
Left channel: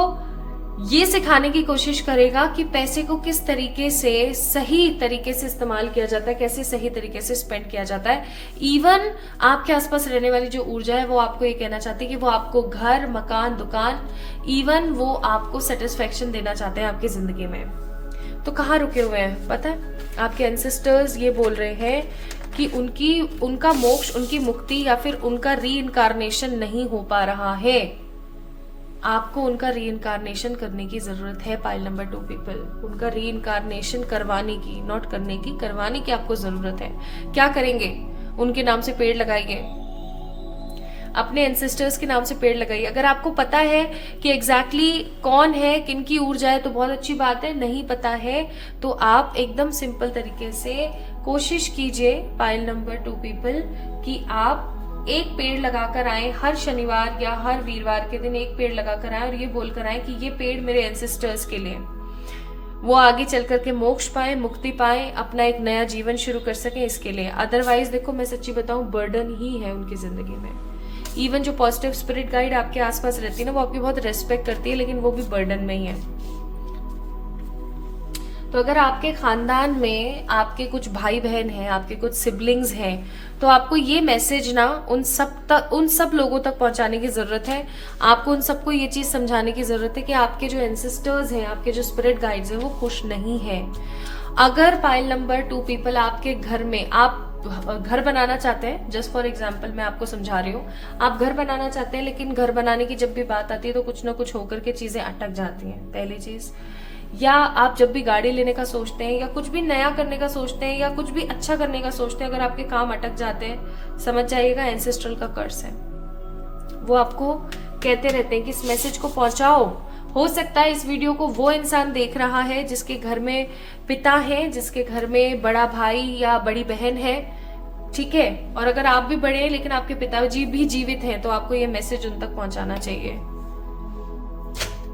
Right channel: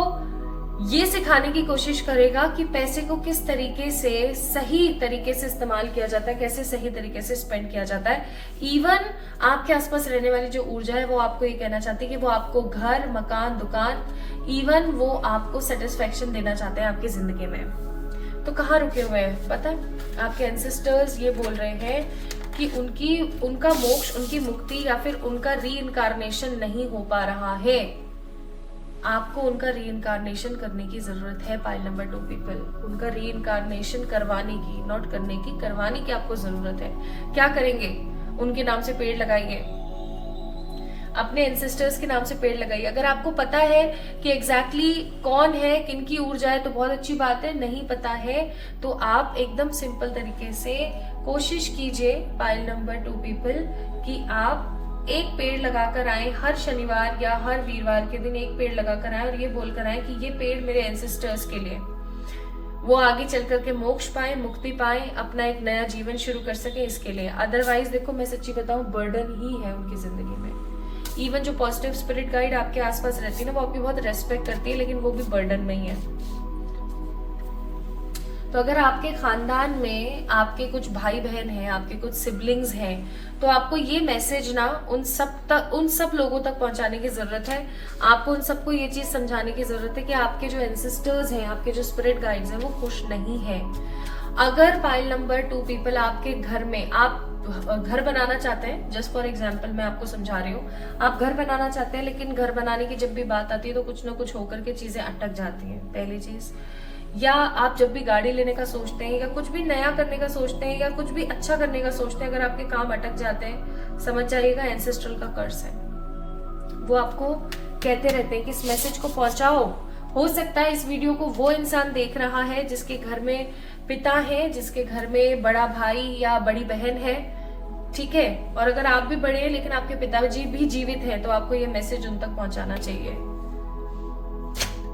ये सिखाने की कोशिश करेगा कि पैसे को किस तरीके से सही तरीके से इस्तेमाल किया जाता है, कैसे सही तरीके से स्पेंड किया जाता है। इवन आपके आसपास रहने वाली जो ऊर्जा है वो आपको ये कहना चाहती है कि वो आपको घर, मकान, दुकान, इवन वो आपको सेटिस्फेक्शन देना चाहते हैं आपकी जिंदगी में। तो कहाँ रुके हुए हैं पता है? आपके एंसेस्टर्स ये बोल रहे हैं कि उनका मोक्ष, उनकी मुक्ति या फिर उनका री इनकारनेशन नहीं हो पा रहा है। आपको उनका री इनकारनेशन करने की जरूरत है पाइल नंबर 2 पीपल। उनका री इनकारनेशन करवाने की, नॉट करने की, करवाने की आपको जरूरत है। क्या करेंगे? उनके नाम से पेड़ लगाइए, अपने एंसेस्टर्स के नाम से पेड़ लगाइए। अगर आपको पता है कि एग्जैक्टली कौन है, किनकी ऊर्जा है, तो बहुत अच्छी बात है। नहीं पता है तो आप एकदम सिंपल तरीके से कोशिश कीजिए पाइल नंबर 2 पीपल कि आप एक पेड़ लगाकर आए हर शनिवार या हर वीरवार के दिन, एक पेड़ लगाकर आए और ये बोलकर आए कि ये पेड़ मेरे एंसेस्टर्स के लिए, वो आगे चल करके मोक्ष पाए, मुक्ति पाए, अपना एक नया जीवन शुरू कर सके, इसके लिए। अदरवाइज देखो मैं सच्ची बताऊं, बर्डन ही है उनकी जिंदगी में। इवन जो पॉजिटिव स्पिरिट गाइड आपके आसपास रहती है ना, वो आपकी बहुत रेस्पेक्ट करती है, लेकिन वो भी बर्डन में ही है। तो अगर आपके खानदान में आपके कुछ भाई बहन हैं, आपके कुछ सिबलिंग्स हैं, तो आपको ये मैसेज ना उन सब लोगों तक पहुंचाने की जरूरत है। आपको उन सबको ये चीज समझाने की जरूरत है कि आपके जो एंसेस्टर्स हैं, आपके जो स्पिरिट गाइड्स हैं, वो खुश नहीं है। अगर पाइल नंबर 2 पीपल आपके घर में, आप घर बनाना चाहते हैं, जस्ट फॉर एग्जाम्पल मैं आपको समझा रही हूँ, आप घर बनाना चाहते हैं, लेकिन घर बनाने की जब भी बात आती है तो कुछ ना कुछ होकर के चीजें अटक जाती हैं, पहली चीज। या आप जब भी गाड़ी लेने का सोचते हैं या कुछ भी नया करने का सोचते हैं या कुछ भी अच्छा करने का सोचते हैं, अगर आपके काम अटक जाते हैं, समझ जाइएगा एंसेस्ट्रल का कर्स है। वो आपको कहते रहते हैं कि इस मैसेज को पहुंचाओ। हो सकता है इस वीडियो को वो इंसान देख रहा है जिसके घर में पिता है, जिसके घर में बड़ा भाई या बड़ी बहन है, ठीक है, और अगर आप भी बड़े हैं लेकिन आपके पिताजी भी जीवित हैं, तो आपको ये मैसेज उन तक पहुंचाना चाहिए।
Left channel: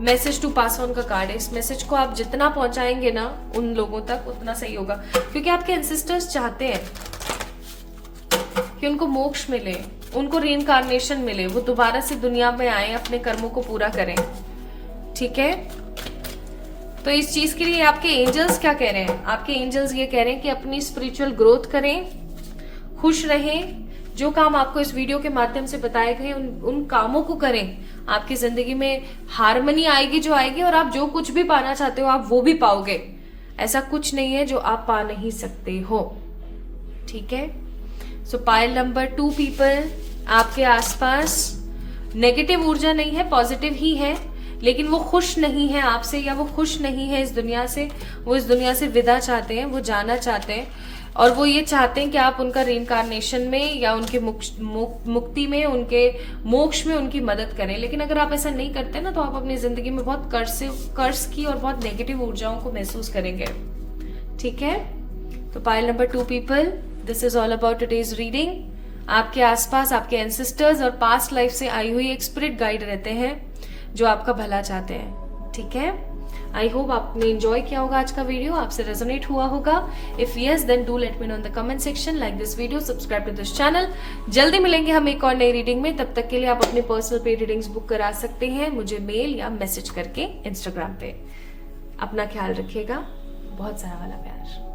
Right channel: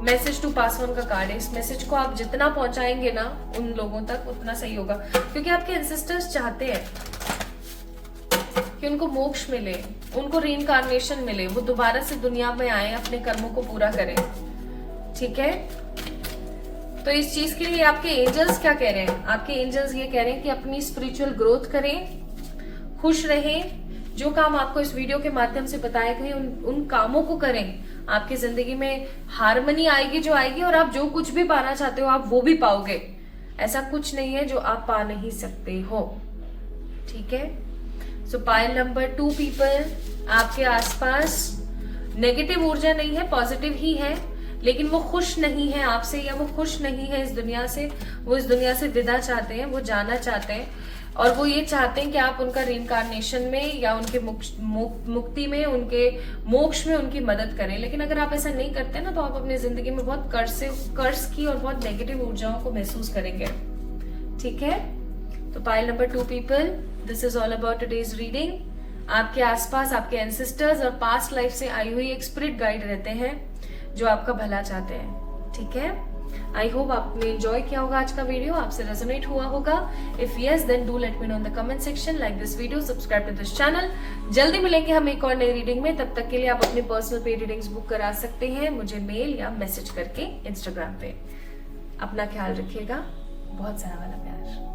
मैसेज टू पास ऑन का कार्ड है। इस मैसेज को आप जितना पहुंचाएंगे ना उन लोगों तक, उतना सही होगा, क्योंकि आपके एंसेस्टर्स चाहते हैं कि उनको मोक्ष मिले, उनको रीइंकार्नेशन मिले, वो दोबारा से दुनिया में आए, अपने कर्मों को पूरा करें, ठीक है। तो इस चीज के लिए आपके एंजल्स क्या कह रहे हैं? आपके एंजल्स ये कह रहे हैं कि अपनी स्पिरिचुअल ग्रोथ करें, खुश रहें, जो काम आपको इस वीडियो के माध्यम से बताए गए उन कामों को करें। आपकी जिंदगी में हार्मनी आएगी जो आएगी, और आप जो कुछ भी पाना चाहते हो आप वो भी पाओगे। ऐसा कुछ नहीं है जो आप पा नहीं सकते हो, ठीक है। सो पाइल नंबर 2 पीपल, आपके आसपास नेगेटिव ऊर्जा नहीं है, पॉजिटिव ही है, लेकिन वो खुश नहीं है आपसे, या वो खुश नहीं है इस दुनिया से। वो इस दुनिया से विदा चाहते हैं, वो जाना चाहते हैं, और वो ये चाहते हैं कि आप उनका रीइंकार्नेशन में या उनके मुक्ति में, उनके मोक्ष में उनकी मदद करें। लेकिन अगर आप ऐसा नहीं करते ना, तो आप अपनी जिंदगी में बहुत कर्ज की और बहुत नेगेटिव ऊर्जाओं को महसूस करेंगे, ठीक है। तो pile number 2 people, this is all about today's reading. आपके आसपास आपके एंसेस्टर्स और पास्ट लाइफ से आई हुई एक स्पिरिट गाइड रहते हैं जो आपका भला चाहते हैं, ठीक है। आई होप आपने एंजॉय किया होगा आज का वीडियो, आपसे रेजोनेट हुआ होगा। If yes then do let me know in the comment section, like this video, subscribe to this channel. जल्दी मिलेंगे हम एक और नई रीडिंग में, तब तक के लिए आप अपने पर्सनल पेड रीडिंग्स बुक करा सकते हैं मुझे मेल या मैसेज करके इंस्टाग्राम पे। अपना ख्याल रखिएगा, बहुत सारा वाला प्यार।